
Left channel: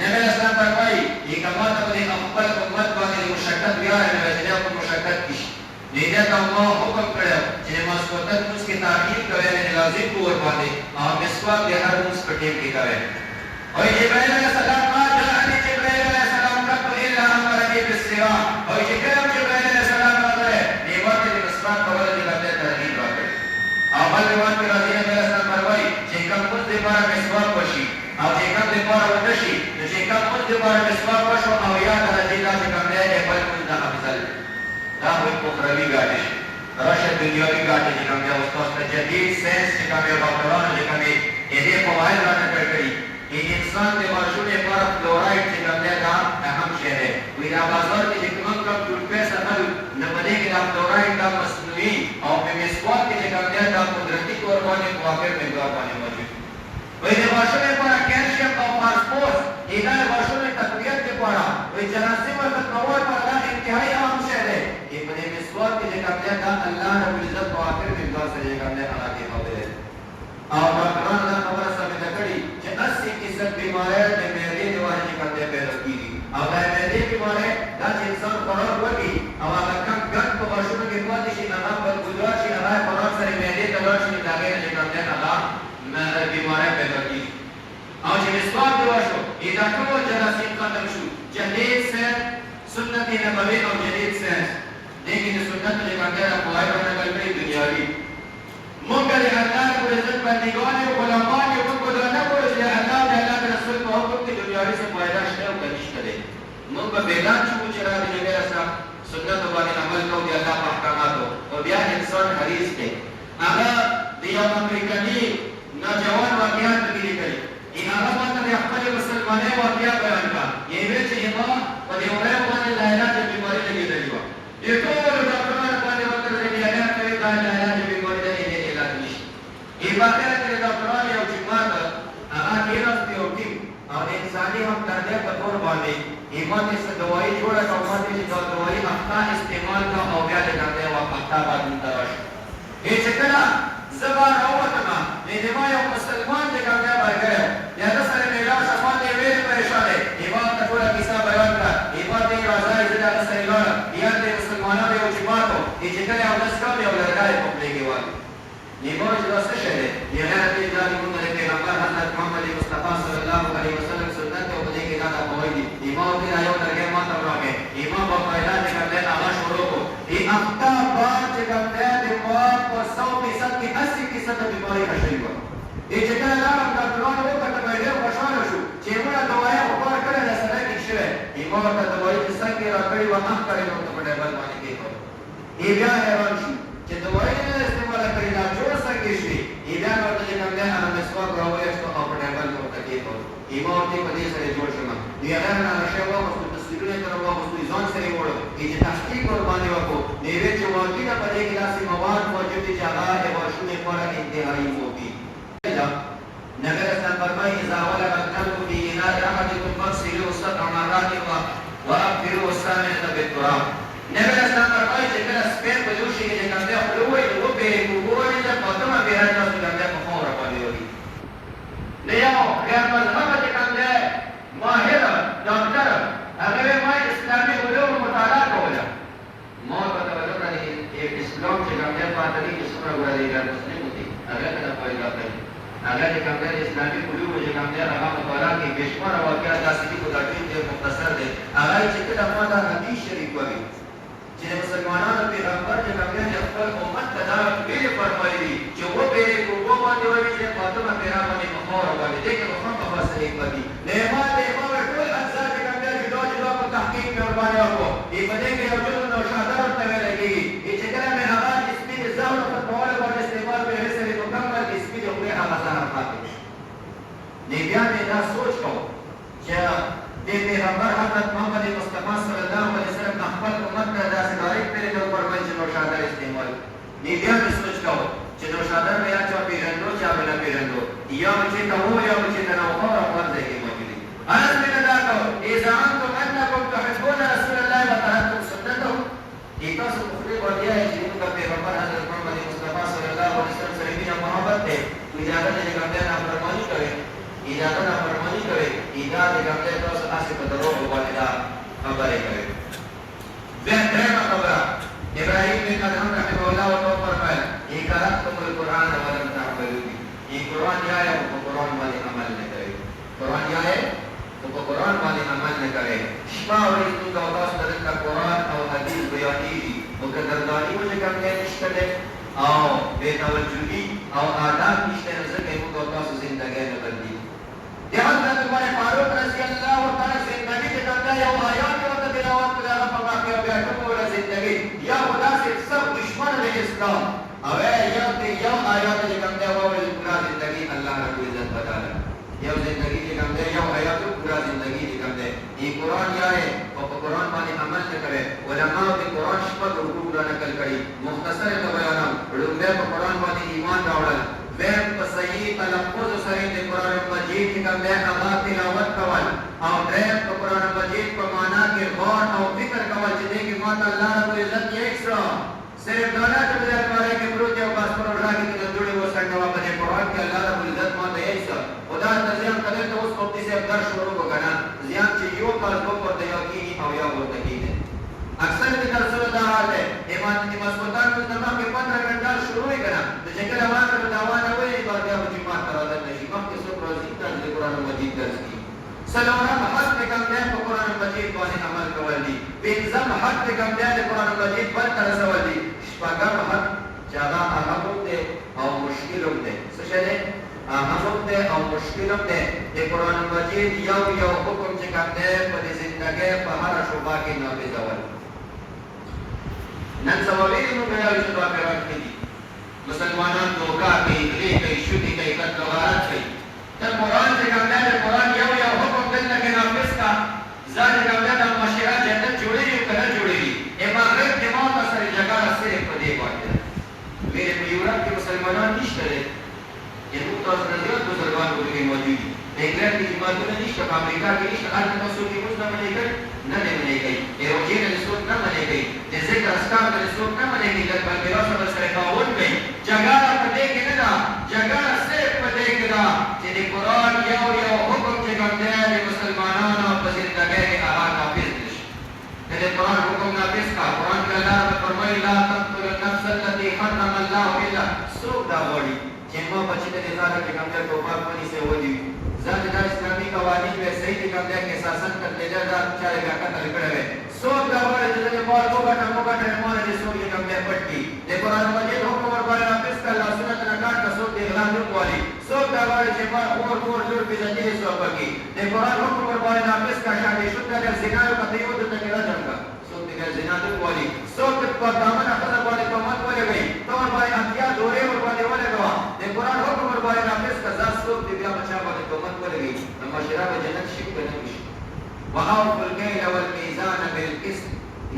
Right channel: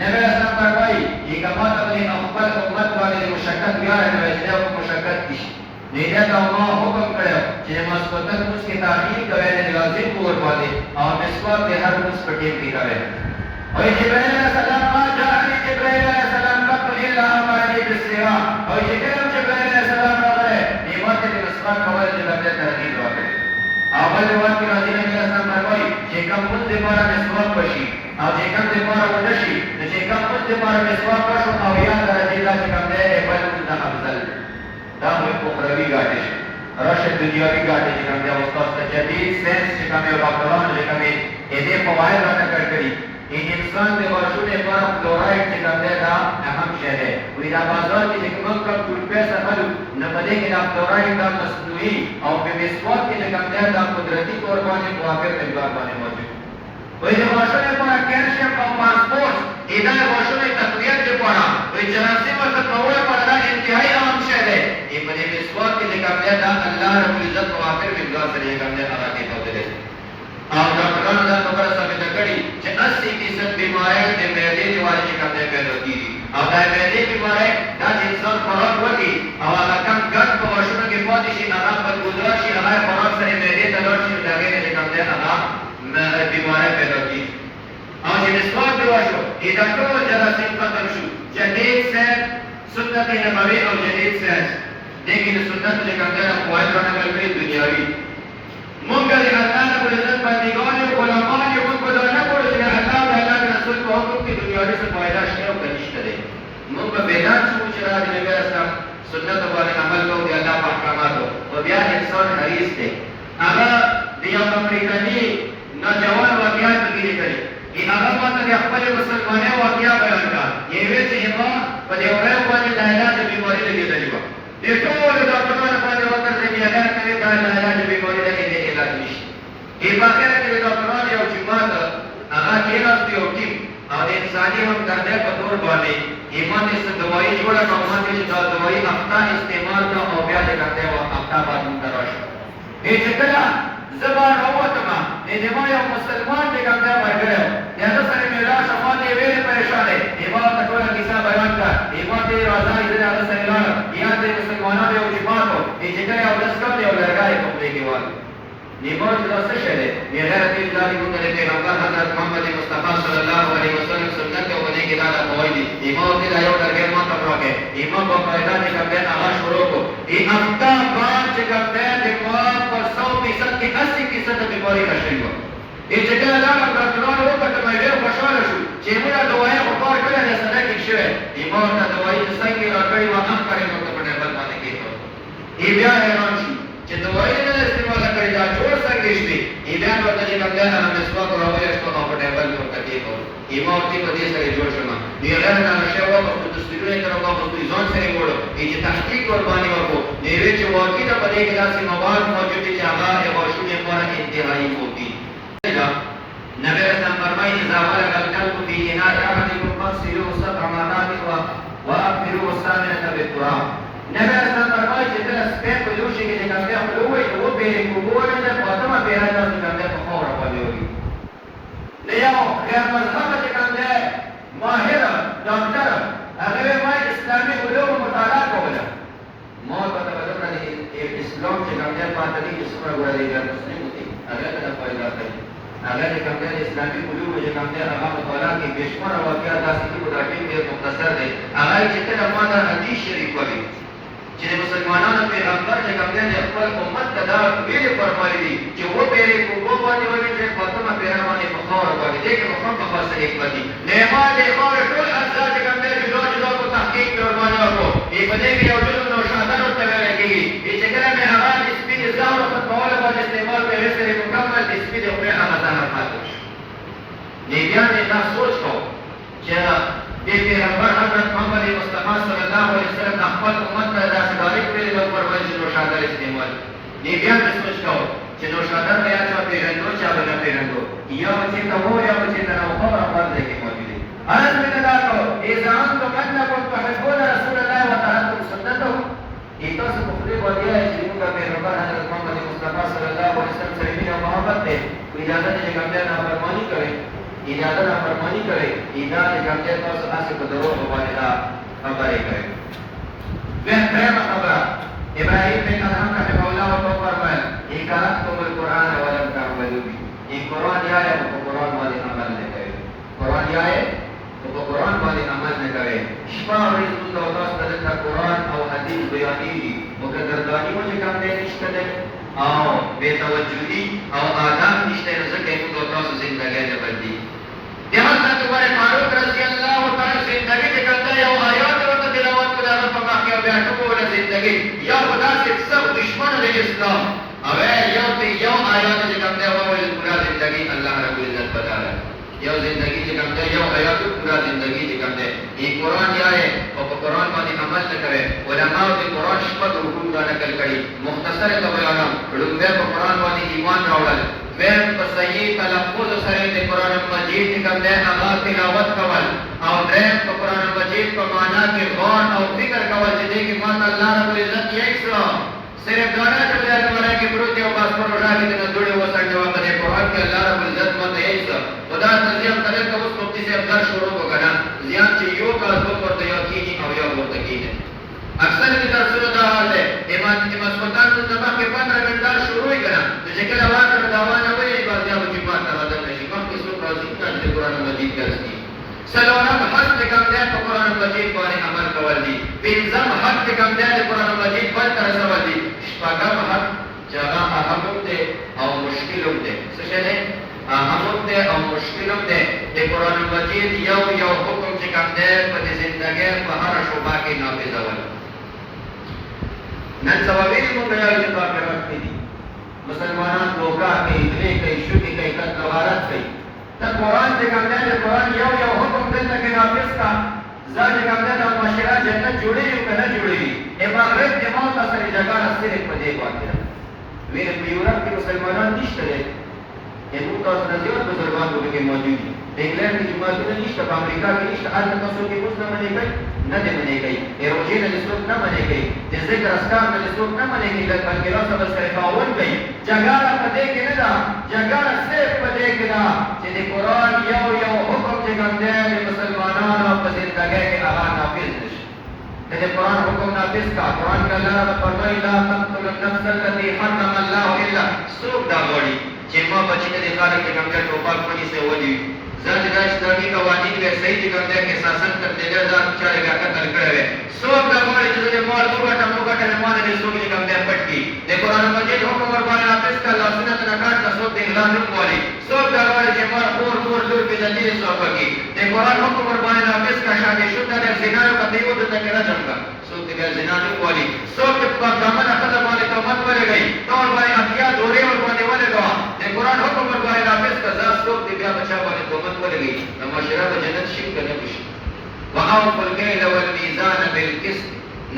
نبی اسلام فرمایي یہ کما ته د خپل امت باندې مشقت بیا راځي او مشقت کی نه دا ما حکم کړو چې مسکوتن اوس کې تاخير کوي نه لازم پور باندې او مسواک د هر اوس پټې کې کوي او جبرائیل علیہ السلام ما جاءني جبرائیل علیہ السلام قط الا امرني بالسواك او جبرائیل علیہ السلام راغله نیمه د مسواک کول چې لږه ترغیب راغله اول روایت کې راځي نبی اسلام فرمایي چې کوم اوس د بار مسواک وشي او چې کوم د بار ونشي چې کوم اوس د بار مسواک وشو او یا درجه دا چې کوم دی بل د افضل دا مو اخروی ګاټي راشد دنیاوی ګاټي چې کوم دی اوس تاسو جدید ساينس چې کوم یو ډاکټرانو چې کوم دې په وایي راټکړ کړی انسان د ورشونې پر فلورایډ چې کوم دی دا اهم شی دی وی دا بازار کې کوم کار ټول پیسې سمل نه پدې کې دا فلورایډ دا مصنوعي او په مسواک کې چې کوم دی دا قدرتي تور باندې موافق مقدار باندې موجود وی دا ورشونې پر کیلشیم او فاسفورس دا ورشونې تقویت لپاره وی جراثیم او تطور پر دا انتهایی اهم شی دی په دې مسواک کې چې کوم دی دا الله رب العزت موافق مقدار سره کوم دی هغه کې موجود دی او ډاکټرانو دا خبره ثابت کړي چې 80% بیماری د معدې د وجې کوم دی پیدا کیږي او دا معدې بیماری دا انسان خوراک وکړي او هغه کم ګټ پاتې شي هغه بدبودار شي هغه خوراک سره معدې ته لاړ شي نو د هغې نه چې کوم دی هغه بیماری پیدا کېږي او چې مسواک دې وشو دا ټول جراثیم ختم شو جدید ساینس سنت نبوي او جدید ساینس دې کې د سنت چې کوم دی فواید رانقل کړي دنیاوي موږ د الله رب العزت بندګان او غلامان یو موږ دا نه وایو چې الله د الله رسول په حکم کې دنیاوي څه فایده شته او که نشته دی موږ به بیدار شو چې را د نبي اسلام سنت باندې عمل کوو د الله په احکاماتو او بیا انسان حریص دی هغه د یو امریکایي نوجوان واقعات پکې لیکلي هغه ماته د خپل مسلمانۍ واقعه بیان کړه یوې چې ما په دې وړو باندې د علاج بیماري لګېدلې وه د ټولو ډاکټرانو باندې ورته چې علاج کوي دا د علاج بیماري لګېدلې علاج نشته په آخر کې د ډاکټرانو یو جماعت هغه کېناست یو ټیم او د انساني همدردۍ په طور باندې ایمان یې څه دوایي جوړه کړه او ما ته چې دا دوایي هفته استعمال کړه او بیا د همدې وخت هفته بعد دلته راشه چې کله زه به راووتم د ما یو مسلمان چې کوم دی ملګری د هغه سره مې لاړ ما ته یې ویل پریشان دی ما ورته ټوله کیسه بیان کړه ما ته یې راځه زه د هغه سره لاړم یا د مسلمانانو یو جماعت و چې کله یې اودس کول یو لرګی یې په خولې کې واچاوه نیما چې دا څه شی دی بغیر دې دا د پیغمبر حضرت محمد مصطفی صلی الله علیه وسلم سنت او دې کې دا کوي دي نیما ورته دا یو لرګی ما ته راکې نیما په فایده چې کوم دی هغه شروع کړو هفته بعد چې کوم دی د ما په 100% کې 80% بیماري نشي وه چې کله لاړم ډاکټرانو وکتل مې ډېر خوشحاله شو چې موږ دوایي خو کار کړی دی سنه ټیک شوی نیما ورته دوایي چې څنګه یې راکړې وه هم کارې ورته په ټیبل باندې کېښود بیا حیران شو چې دوایي نه استعماله کړې دا جوړ څنګه شوي بیا ورته چې کوم دی هغه مسواک راوایسته او په ټیبل کې ورته کېښود ما ورته په دې سره جوړ شوم هغه نه نشه وه تصویرونه یې کړم خپل ځان سره یې وړو چې تحقیق ورباندې وکړو نوې چې واقعي ده په دې کې داسې مواد موجود دي چې هغه د غاښونو لپاره انتهایي مفید نبی رسول فرمایي اذا ولغ الكلب في اناء احدكم فاغسلوه 7 مرات واكثروا الثامنه بالتراب نبی رسول فرمایي چې کله سپین په یو شي کې د کوم دی خوله ووایي نو وبېرې وګورئ د فاطمه بېرا داسې کوم دی په خاوره باندې وي له یو خیر مذهبه چې کوم دی ماهره ډاکټر هغه یې وایي اسلامي علومو مطالعه کوله ما ورته توجه کړه چې اسلام چې کوم دی پاته دي چې څومره ګورې دا مسلم دي هغه ته فایده کوي هغه د کوم دی اسلامي علومو چې کوم دی هغه مطالعه کوي بې شماره واقعات داسې دي خو دا ټیم ډېر مختصر دی هغه چې کله ما دا حدیث شریف وایي چې د مسلمانانو پیغمبر چې کوم دی خپل امت ته دا ویلې فرمایي دي چې وبېرې په اوبو باندې وویځئ فاطمه بېرا باندې په خاوره باندې دې کې به خامخا څه حکمت دي نعمت د خاورې ټول اجزا چې کوم دی جدا جدا په تحقیق مې ورباندې وکړو په دې کې یو ډول نوشادر ورته ویلی کېږي چې کله مې هغه د سپي د ځان ختمولو باندې استعمال کړی هغې سره یې مکمل د سپي د خولې هغه ځان پاتې شو بیا مې دا سوچ کوو چې د پیغمبر حضرت محمد مصطفی صلی الله علیه وسلم خپل امت ته داسې ډایرکټ ویلي وو فرمایي چې نوشادر استعمال بیا مې سوچ کوو چې نوشادر به یا چا پېژندو چا به نه پېژندو یا به چېرته وو یا به چېرته نه وو خبره خپل ځای کې موجودې انس بن دا کوو اذا انتم انکم تحبون رسول الله وترکتم سنته تاسو په خولې باندې وایئ چې موږ پیغمبر حضرت محمد مصطفی صلی الله علیه وسلم سره مینه او محبت دی اجازه ده چې کوم دی نافرماني کوئ اجازه نافرماني کوئ اجازه کوم دی تاسو هسې په دروغو باندې دا خبرې کوئ درېیمه خبره ابراهیم بن ادهم رحمه الله ورته وفرمایل قرأتم القرآن ولم تعملوا به قرآن جو ہے وہ قرآن باندې عمل نه کوي قرآن جو ہے وہ قرآن باندې عمل نه کوي شپه او ورځ موږ تاسو ته د قرآن او حدیث بیانېږي مقدرداني مو چې کوم دی نشته دی او بې توجهي او آداب نشته نو ځکه یې موږ تاسو زندګۍ نه بدلېږي د حضرت عمر فاروق رضی الله تعالی زندګي چې کوم دی یو آیات ورته تلاوت کړه هغه په مخ کې بیا ټوله زندګي یا خو داسې سخت دشمن د اسلام او یو آیات چې کوم دی وویل پورا زندګي الله رب العزت بدله یو زندگی چې کوم دی یو آیات پورا زندگی چې کوم دی قرآن یا ہے او په قرآن باندې عمل نه کوي علماء د قرآن شپږ حکم را نقل کړي مختصر ته بیانوم لومړی په قرآن باندې ایمان راوړل دویم په صحیح تلفظ سره د قرآن مجید چې کوم دی هغه تلاوت کول او دریم په قرآن مجید په معنا کې غور او فکر کول چې دې کې ماته الله رب العزت یې څه صرف دانا چې په دې کې پروت یو بس پر راځي د دوړې وسنګ په دې قرآن کې الله رب العزت ماته یې څه خدا تزیان کړل که اوس په دې سره در شروع وکړه ځان چې یو کال په ورته یو کېږي او یو ورته کېږي اکثر د درسونو دا حال دی امام سلطان موږ د مخکې 15 منټه شروع یې کړه نو چې کله واکر داوانه وایي بس بیا به جومات ته راځل نه شي مخکې څوک راځي که د قرآن مجید درس کي څلورم حق د کوم دی په قرآن مجید باندې عمل کول دي پنځم حق د کوم دی د قرآن مجید بل ته رسول دي شپږم حق چې هغه اهم دی او مشکل هم دی څه شی دی اهم دی او مشکل هم دی د قرآن مجید یو حکم چې کوم دی په د زندګۍ په هره شعبه کې نافذول نن سبا ویلي موږ یو چې په پیغام کې دي مسلمانان دوکا کوي درې کوي شوکې کوي قتل غارت کوي ته قرآن چې کوم دی د قرآن یو حکم دلته کې نافذ کا ځان چې کوم دی د معاشره جنت جوړوي او که نه جوړوي مغرب جماعت سره جګړه صرف په دې باندې ده ویلې په یورپ کې مسلمانان نشته دی موږ تاسو نه زیات بزرګان په کې موجود دي د انګلند کې جماعتونه نشته په امریکا کې نشته هلته تاسو کې اوس نه منې کوي نه دې منې کوي روژې نه دې څوک نه منې کوي د ذکر اذکار نه دې څوک نه منې کوي د ملګرو سره سره خاوند کوي جګړه په دې کې نه ده جګړه صرف په دې کې ده چې د قرآن یو حکم چې کوم دی د مسلمانانو په زندګۍ کې هغه نافذ نه شي د قرآن حکم نافذ کا قرآن کې الله فرمایي لا تقتلوا النفس التي حرم الله الا څوک دا غواړي چې ما بچی ته د خالق کې کوم ټوپک باندې سه ودی ځکه دا اسلامي قوانین به صحیح دي کوم چې اساساً تر دې ځا چاره کا قتل کړو څوک دا غواړي چې د مال دوه ټموګه مال دې څوک چې کوم پټ کی د قرآن مجید حکم ور باندې نافذ کا الله سنت نه کاټ کا څوک د اعلان کوي څوک دا غواړي چې مال اور لور په ځدې څوک کی د قرآن حکم ور باندې نافذ کا شادي شو د زنا په دیو د تکړه جنګا څوک د زنا نه کوي څوک په دامن خزه باندې تومت ورغی تور باندې اتیا دورې ور باندې ولګوا د قرآن حکم ور باندې نافذ کا ځا څوک د بیا بچا باندې تومت ورغی د معاشره په جنت شي کنه شي واوفوا الكيل والميزان بالقسط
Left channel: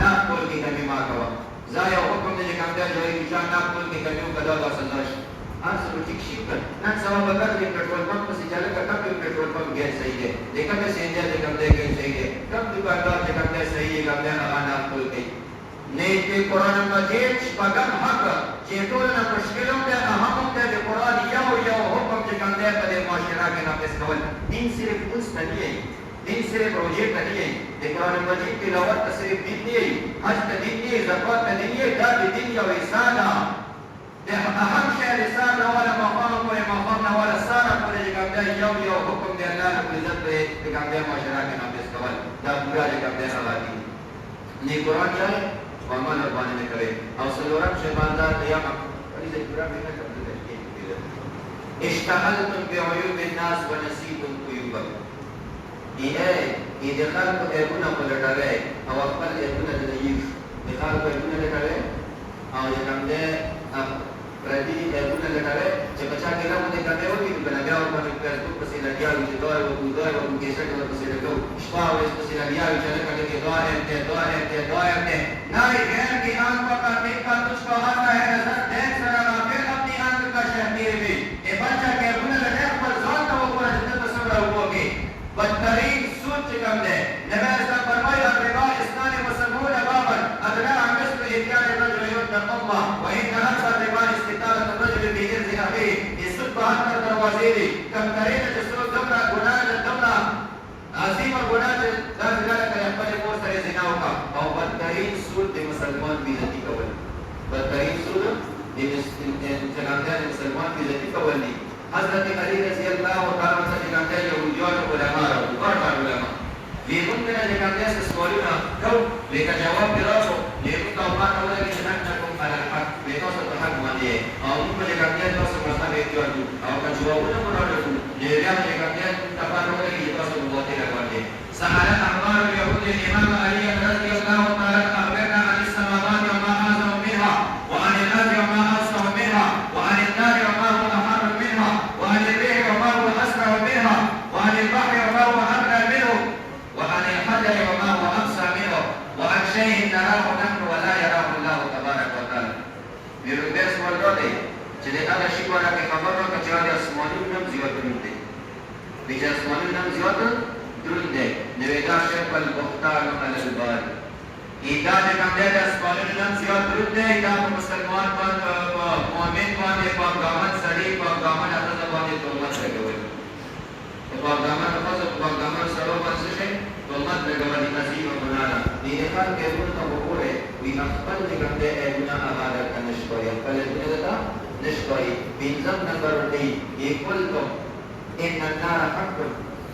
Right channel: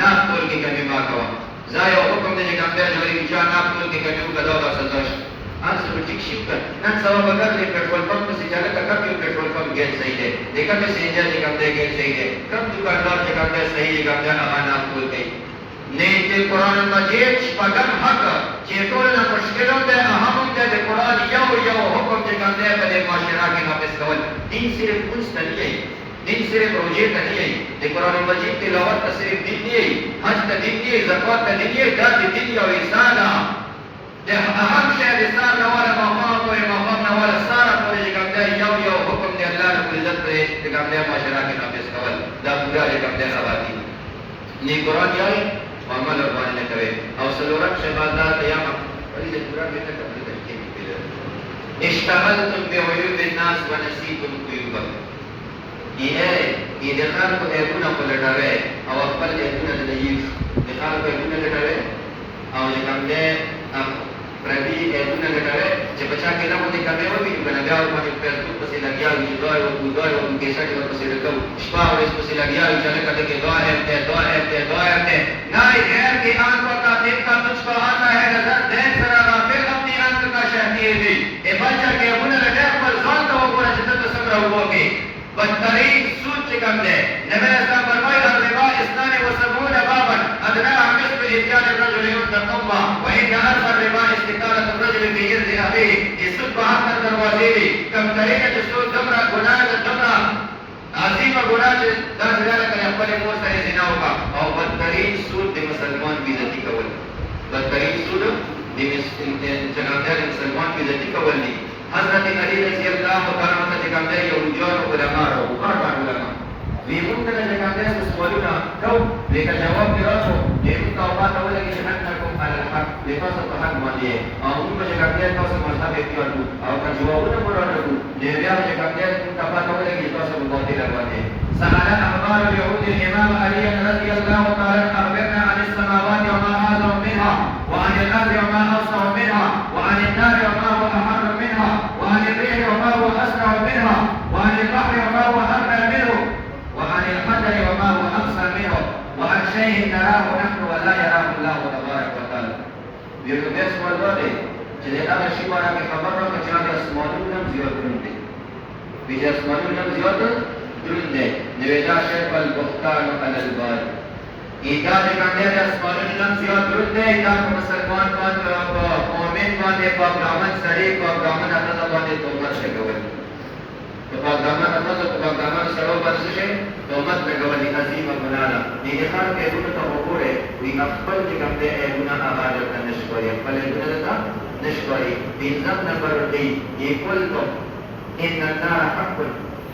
ناقول کې کمی ما کوا ځای حکم دې کوم دی چې چا ناقول کې کمی وکړو دا سزا شي انس په ټیک شي نن سبا بغیر د پټرول پمپ په سجاله کا کم پټرول پمپ ګیس صحیح دی دغه په سینجا چې کوم دی ګیس صحیح دی کم دکاندار چې کوم دی صحیح دی کوم دی هغه ناقول کوي نه د قرآن مجید شپږم حق چې ټول نه مشکلوم دی اهم دی د قرآن یو حکم چې کوم دی په دې معاشره کې نافذ کول دین صرف اوس نه دی دین صرف روزے کا نہیں ہے د قرآن مجید تلاوت کا صرف دین نہیں ہے حج کا دین نہیں ہے زکات کا دین نہیں ہے دا دین یا احسان ہے اهم شی د سار والا مقام او مقام والا سار په دې کې دا یو حکم دی الله رب عزت په دې کوم دی معاشره کې نافذ کول دا پورا دې کوم دی آبادی نه قرآن یو عمل باندې کوي او سلورم شهادت یا دې پورا دې ته کوي اشتغلتم بعيوب الناس ونسيتم عيوبكم د خلکو عیبونه پلټوي او خپل عیبونه لري د خلکو عیبونه لټوي او چې کوم دی پردي عیبونه لټوي چې بچا کې نه باندې کوي او بیا بیا باندې فیسبوک پسې لګیاوي چې دوی او کیسټ ورپسې لګو شپه ورځ پسې لګیاوي چې نه کده کې دعا ہے نه ہے کہ آن کا دیکھ کا تجھ کو آتا ہے نظر دیکھ ذرا رافع اپنی انت کا شہدی دی اے بچا کې عیبونه لټوي پر ځان ته وګوره چې تاسو څنګه وګورئ بدترین سود چې کوم دی نبی اسلام فرمایي الربا 72 بابا ادناها مثل اتيان الرجل يتق الله وان اكثر الربا استطاله الرجل في جنس اخيه السود 72 دروازې دي کم ترین چې سود دمره ګناه دمره عظیمه ګناه چې دا ځای کې خپل مور سره زنا وکړه او بدترین سود د مسلمان بیزتی کول بدترین سود د مسلمان بیزتی کول دي حضرت علی رضی اللہ تعالی عنہ چې کوم دی یهودیان او علما او کاټان علما وی مونږ نه چې کوم دی سوالونه کو لیکن جواب دی راځو دې نو تاسو ته ولګي چې موږ کوم حق به تاسو ته حق باندې او موږ چې کوم دی تاسو مذهب اختیار کو او که جوابونه ورکړو دې بیا چې کوم دی تاسو ولګي تاسو په باندې راغلي سهل احوال اليهود الامام علي رضي الله تعالى اخبرنا عن السماوات وما اعظم منها وعن الارض وما اوسع منها وعن النار وما هو احر منها وعن الريح وما هو اسرع منها وعن البحر وما هو ابعد منه وعن الحجر وما هو اقصى منه وعن شيء نراه نحن ولا يراه الله تبارك وتعالى بيربس ورده چې هغه شی ورکه خبر ورکړه چې د اسمانونو نم زیات دي د اسمانونو نم زیات درنده نویدا شیخ البختان علی البار ایدا د کومه د اسمانونو نم زیات درنده ایدا مسلمان باندې مؤمن باندې په ګامن سړي په ګامن اته باندې توبه کوي په ګامن اته په ګامن سره ورسې توبه کوي عظیم ګناه دي د خان په ورته ګوره وی خپل چې کوم دی ایبونه عبادت ته نشوي خپل ایبونه ته نشوي پنځم نمبر دی یقولتم ان النار حق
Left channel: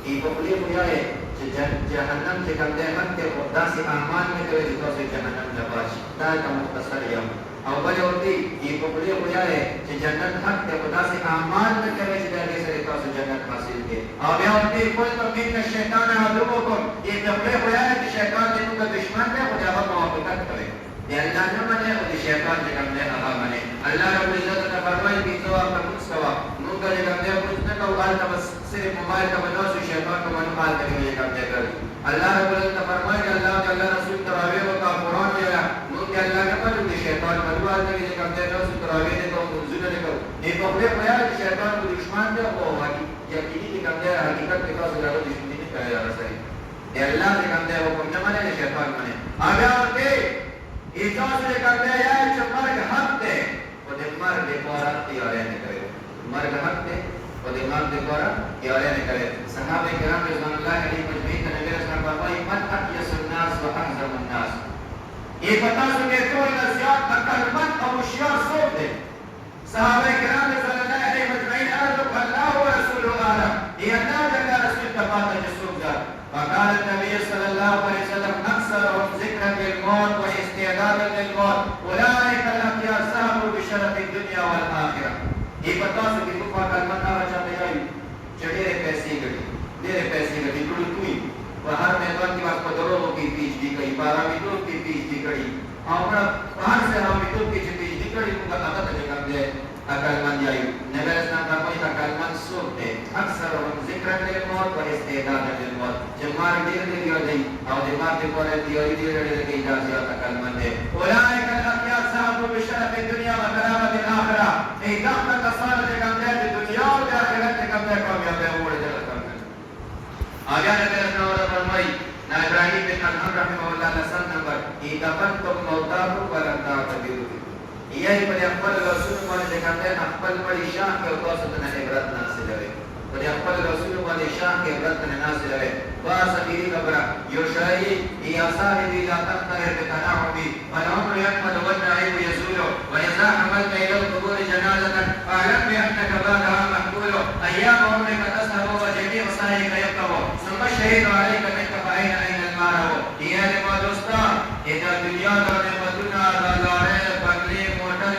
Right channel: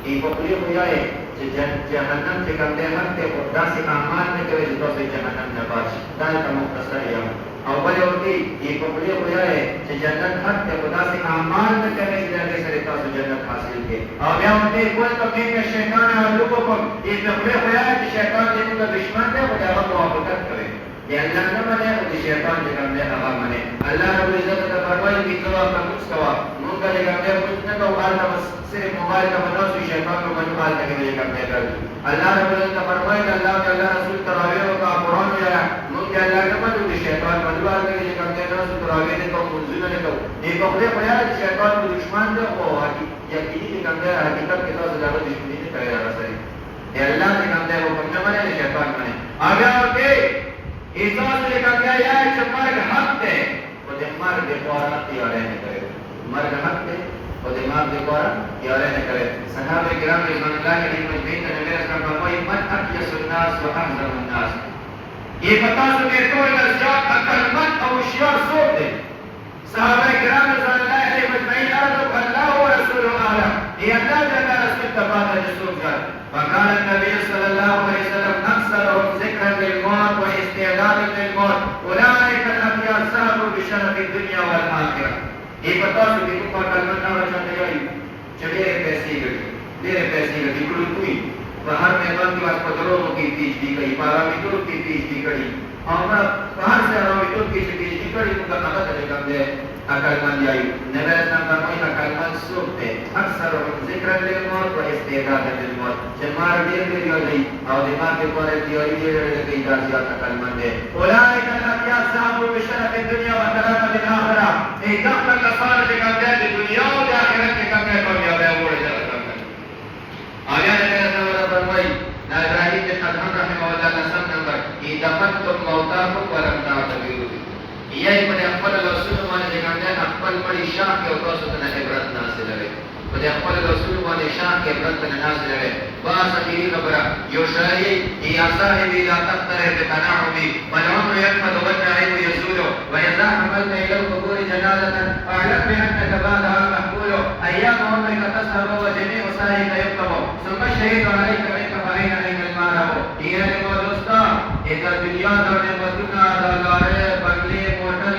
ای په دې وایي چې جهنم چې کوم دی حق ته او داسې اعمال نه کوي چې تاسو جهنم نه باسي دا ته مختصر M O bill you the ای په دې وایي چې جنت حق ته او داسې اعمال نه کوي چې هغه سره تاسو جنت حاصل کړئ او بیا دې کوئی ته کې شیطان عدوکم ای په دې وایي چې شیطان دې موږ دشمن دی او هغه موافقت کوي دی الله نه منه او د شیطان چې کوم دی هغه منه الله رب العزت ته فرمایي چې څو کوم څه موږ یې کوم دی موږ نه کوو هغه بس صرف موبایل ته وناسو شیطان کو منو حال ته کې کوم دی کوي الله رب العزت فرمایي چې الله تعالی رسول تراوی او قرآن یا موږ الله نه منو د شیطان منو حال ته کې کوم دی رسول تراوی نه کوو منځونه نه کوو دې په دې بیان شیطان کو دشمن دی او یقیني کوم دی حقیقت کې تاسو دا دشمنی نه کوي راځي دی الله څنګه کوم دی حکم نه مني شیطان مني هغه ورته ایتاس نے کہا کہ یہ مرگ حق ہے وہ دے مرگ دے پورا تیارے نہ کرے مرگ حق ہے وہ دے مرگ دے پورا تیارے نہ کرے صحابہ کرام رضوان اللہ علیہم اجمعین نے نبی اسلام فرمایا من اقیس الناس واحزم الناس یہ بتا سو کہ کوئی نہ زیاد عقل مند اور ہوشیار سوق دے صحابہ کرام رضوان اللہ علیہم اجمعین عرض اللہ ورسول اعلم یہ اللہ جل رسول تبارک رسول جل فقال النبي صلى الله عليه وسلم اكثرهم ذكرا للموت واستعدادا للموت اولئك الابرار سهلوا بشرف الدنيا والاخره یہ بتا سو کہ کو کلمہ نہ چاہتے ہیں چڑے پیسے گئے کوئی باہر میں بند کی بات پدروں کی تیج دی گئی بارہ میٹر کی تیج دی گئی اور باہر سے ہم میٹر کی تیج دی گئی کو نہ کرے گا دے اکل من جائی نبی اسلام فرمائی اکل من سوتے اکثر ذکر للموت و استعداد للموت جمار دیر دیر ہو گئی اور دماغ کے اوپر دیر دیر لگی جا زیادہ اکل من دے اولئک الابرار صاحب بشرف الدنيا وكرامة الاخرة ای دخل کسان کے کندے دنیا اور آخرت کے کندے کامیاب ہے وہ جاتا آگے نبی اسلام فرمائی ابراہیم بن ادهم رحمہ اللہ نسل نمبر اتقتم موتاکم ولم تعتبروا یہ بڑے خپل رسول باندې څنګه خپل پړی شان کې او تاسو ته عبرت حاصل لري بڑے خپل رسول باندې شان کې عبرت حاصل لري باس اخیری خبره یو شای یا صاحب لا تقتر بتنعم والعمر يقضى والنعيم يزول واذا حملت الى القبور جنازه اعلم بانك بعدها محمول ايام عمرك تسهر وجميع سعيك يقطع ثم الشهيد عليك منك فاين المال يا لما دوستا اذا دنیا دا نعمتنا دلاره بنگلے موٹر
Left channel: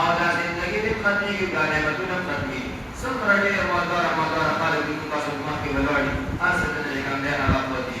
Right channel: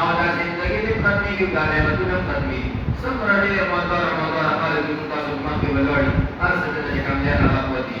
اور زندگی بھی ختمی کی گانے بدون ختمی سب رڑے مدار مدار حال دین کا سما کی ولڑی ہر سکتے نے کندے نہ ہوتی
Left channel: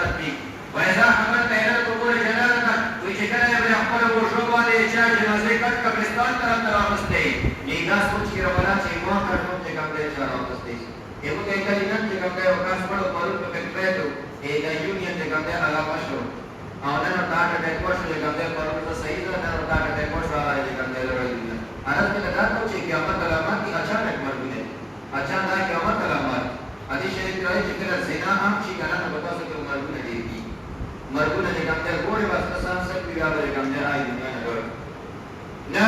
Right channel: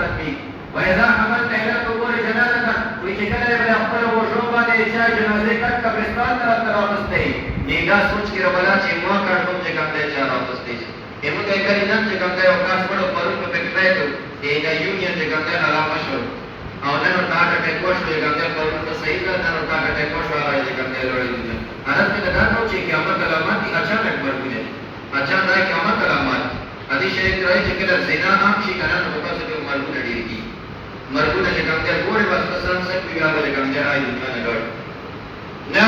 ختمی وإذا حملت إلى القبور جنازة وشكل ابن أخبر وشوبا لإشاء جنازة قد قبرستان طرف رامسته نیگا سوچ کی رولا چه موا کرتم چه کم دے چه رامسته ایمو کئی کری نم چه کم دے وکاس پڑو پرون پہ پکریتو ایگا یونین چه کم دے علامہ شروع آنن اور کاٹا کے کوش لے کم دے پرون پہ صحیح کرنا اور کاٹا کے کوش آرہا ہے چه کم دے لڑی دنیا حالت میں لگا نو چه قیامت علامات کی اچانک مر گئے اچانک قیامت علامات حدیث شریف رہی چه کہ زنا عام شی کرن بتا سکے مرغو نڈی کی مرغو نے کم دے پورے بس پسند سے بھی آگے کم دے آئی دنیا نے لڑ نہ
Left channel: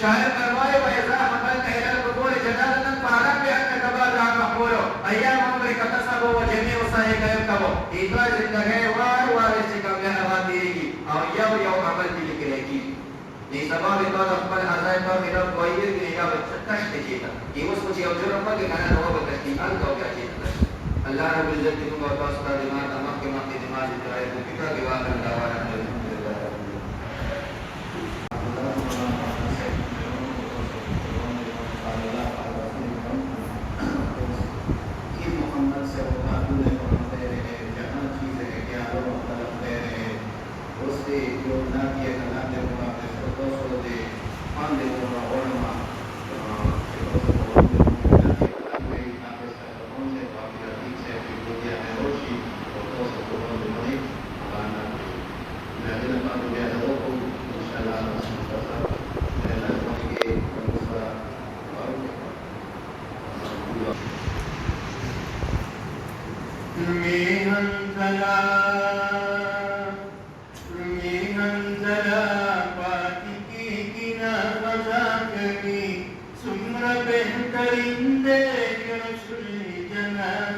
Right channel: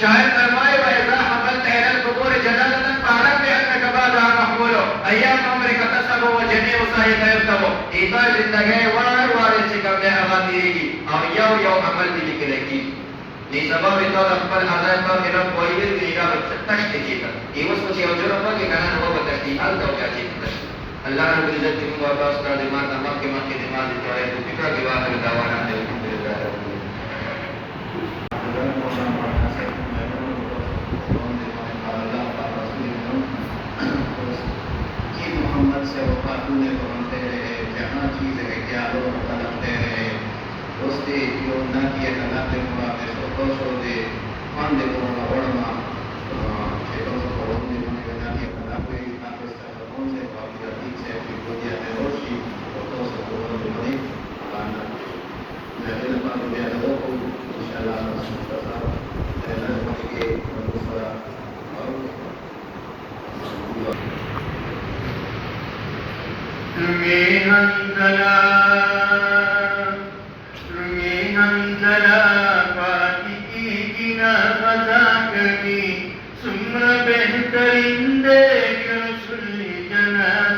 شاید فرمائے وَإِذَا حَمَلْتَ إِلَى الْقُبُورِ جَنَازَةً فَاعْلَمْ بِأَنَّكَ بَعْدَهَا مَحْمُولٌ أَيَّامُ عُمْرِكَ تَسْهَرُ وَجَمِيعُ سَعْيِكَ يُكْتَبُ ایتوا زندگی وار سے کم دے ہوا تیری کی اور یو عمل بھی لکھ رہی نہیں سبب تو خپل حضرت پر میرا کوئی بھی نہیں کا تشت کیتا یہ اس کو جو رکھو کہ کنا ہو بتشتی حل تو کیا چیز اللہ رب العزت کی مبارک کا دماغ تمام کے ماں کے دماغ جو ہے وہ فکر کے بعد دعوانا دے محمد سے وفاتوں نے پڑھتے رہے جہاں چیزیں کیا لوگ طلبتے رہے دوستی جو نہ کیے کلاتے ہوا پہ تو سو دے پان دے پورا اوڑما کہ تو سو پڑھوں دے نہ کیے کلاتے ہوا پہ تو سے باقی عزیز ہے کہ دنیا میں روشی تو سو پڑھوں دے بڑی آنا لیکن پان دے لوگوں کو انشاءاللہ رسول کرتا ہے لوگوں کے دوسرا رمی حنزلہ پاتی کی گنا فضا کبھی سمر بہترین دیکھ رسول جنازہ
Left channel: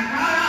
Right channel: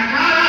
18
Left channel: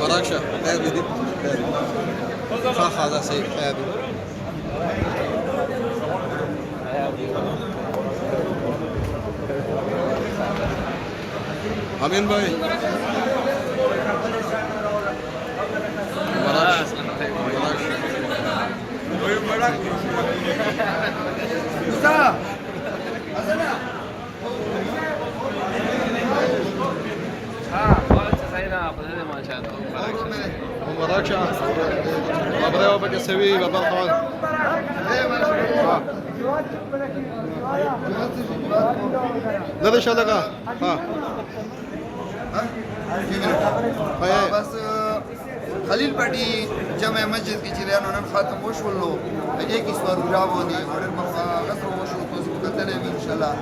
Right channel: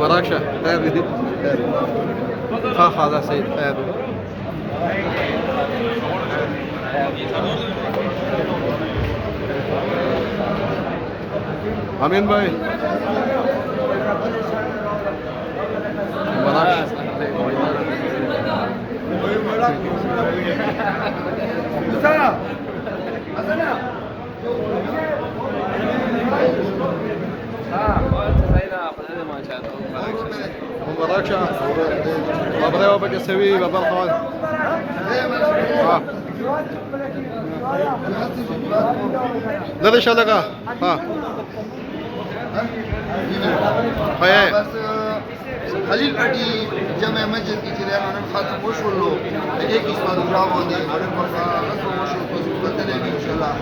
مراكشة هذه هذا سيد هذه امين باي مراكش مراكش بابا وبقى سوي بابا الخوال لا ان شاء الله ها هاي بس خلیل پټي جمع مسجد کې چې لاله نن ختم وشولو هغه کې سوال جواب ودی اورن په رسو وشو په څه کتنې ان شاء الله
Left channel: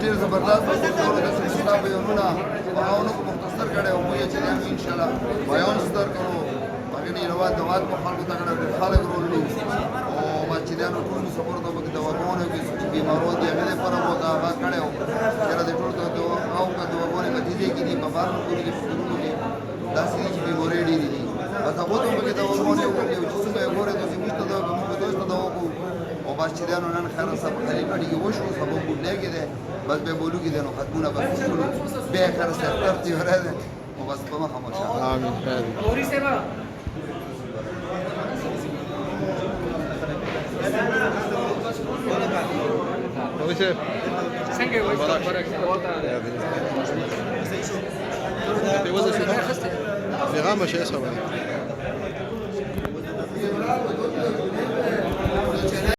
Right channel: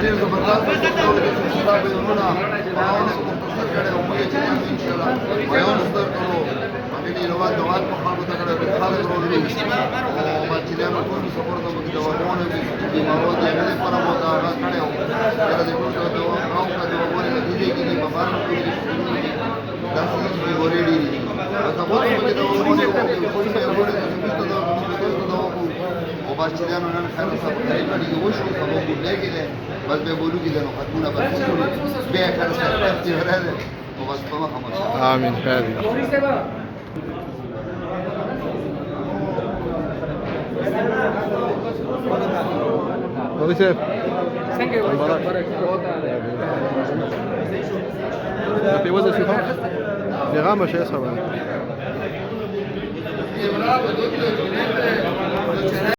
ډیر زبردست وشو د سبا به ورونه باونه مختصر کړه او موږ چې ان شاء الله بیان ستر کړو هغه دی نو دوات په خلکو ته کړه خلک ورولو او ما چې لاله ټول سپورټ ته د دواونه کې بیمارو دي هغه پر مو دا کړه او دا د ټول ته او کا دواونه کې دي کې په بار کې داسې چې ورېډي دي بس هغه ته موږ دا ونه وکړو چې څه به ورته چې موږ ته دا وکړو او بس چې دا نن خیر صاحب خیر کړي یو شو سبب لګي ده بس به بولو کې نو خدمونه بس وکړو به خیر صاحب ته راځي او بس په مخه مشه امين هذه كيف Thank you. في وزن شو في غامة شيء صار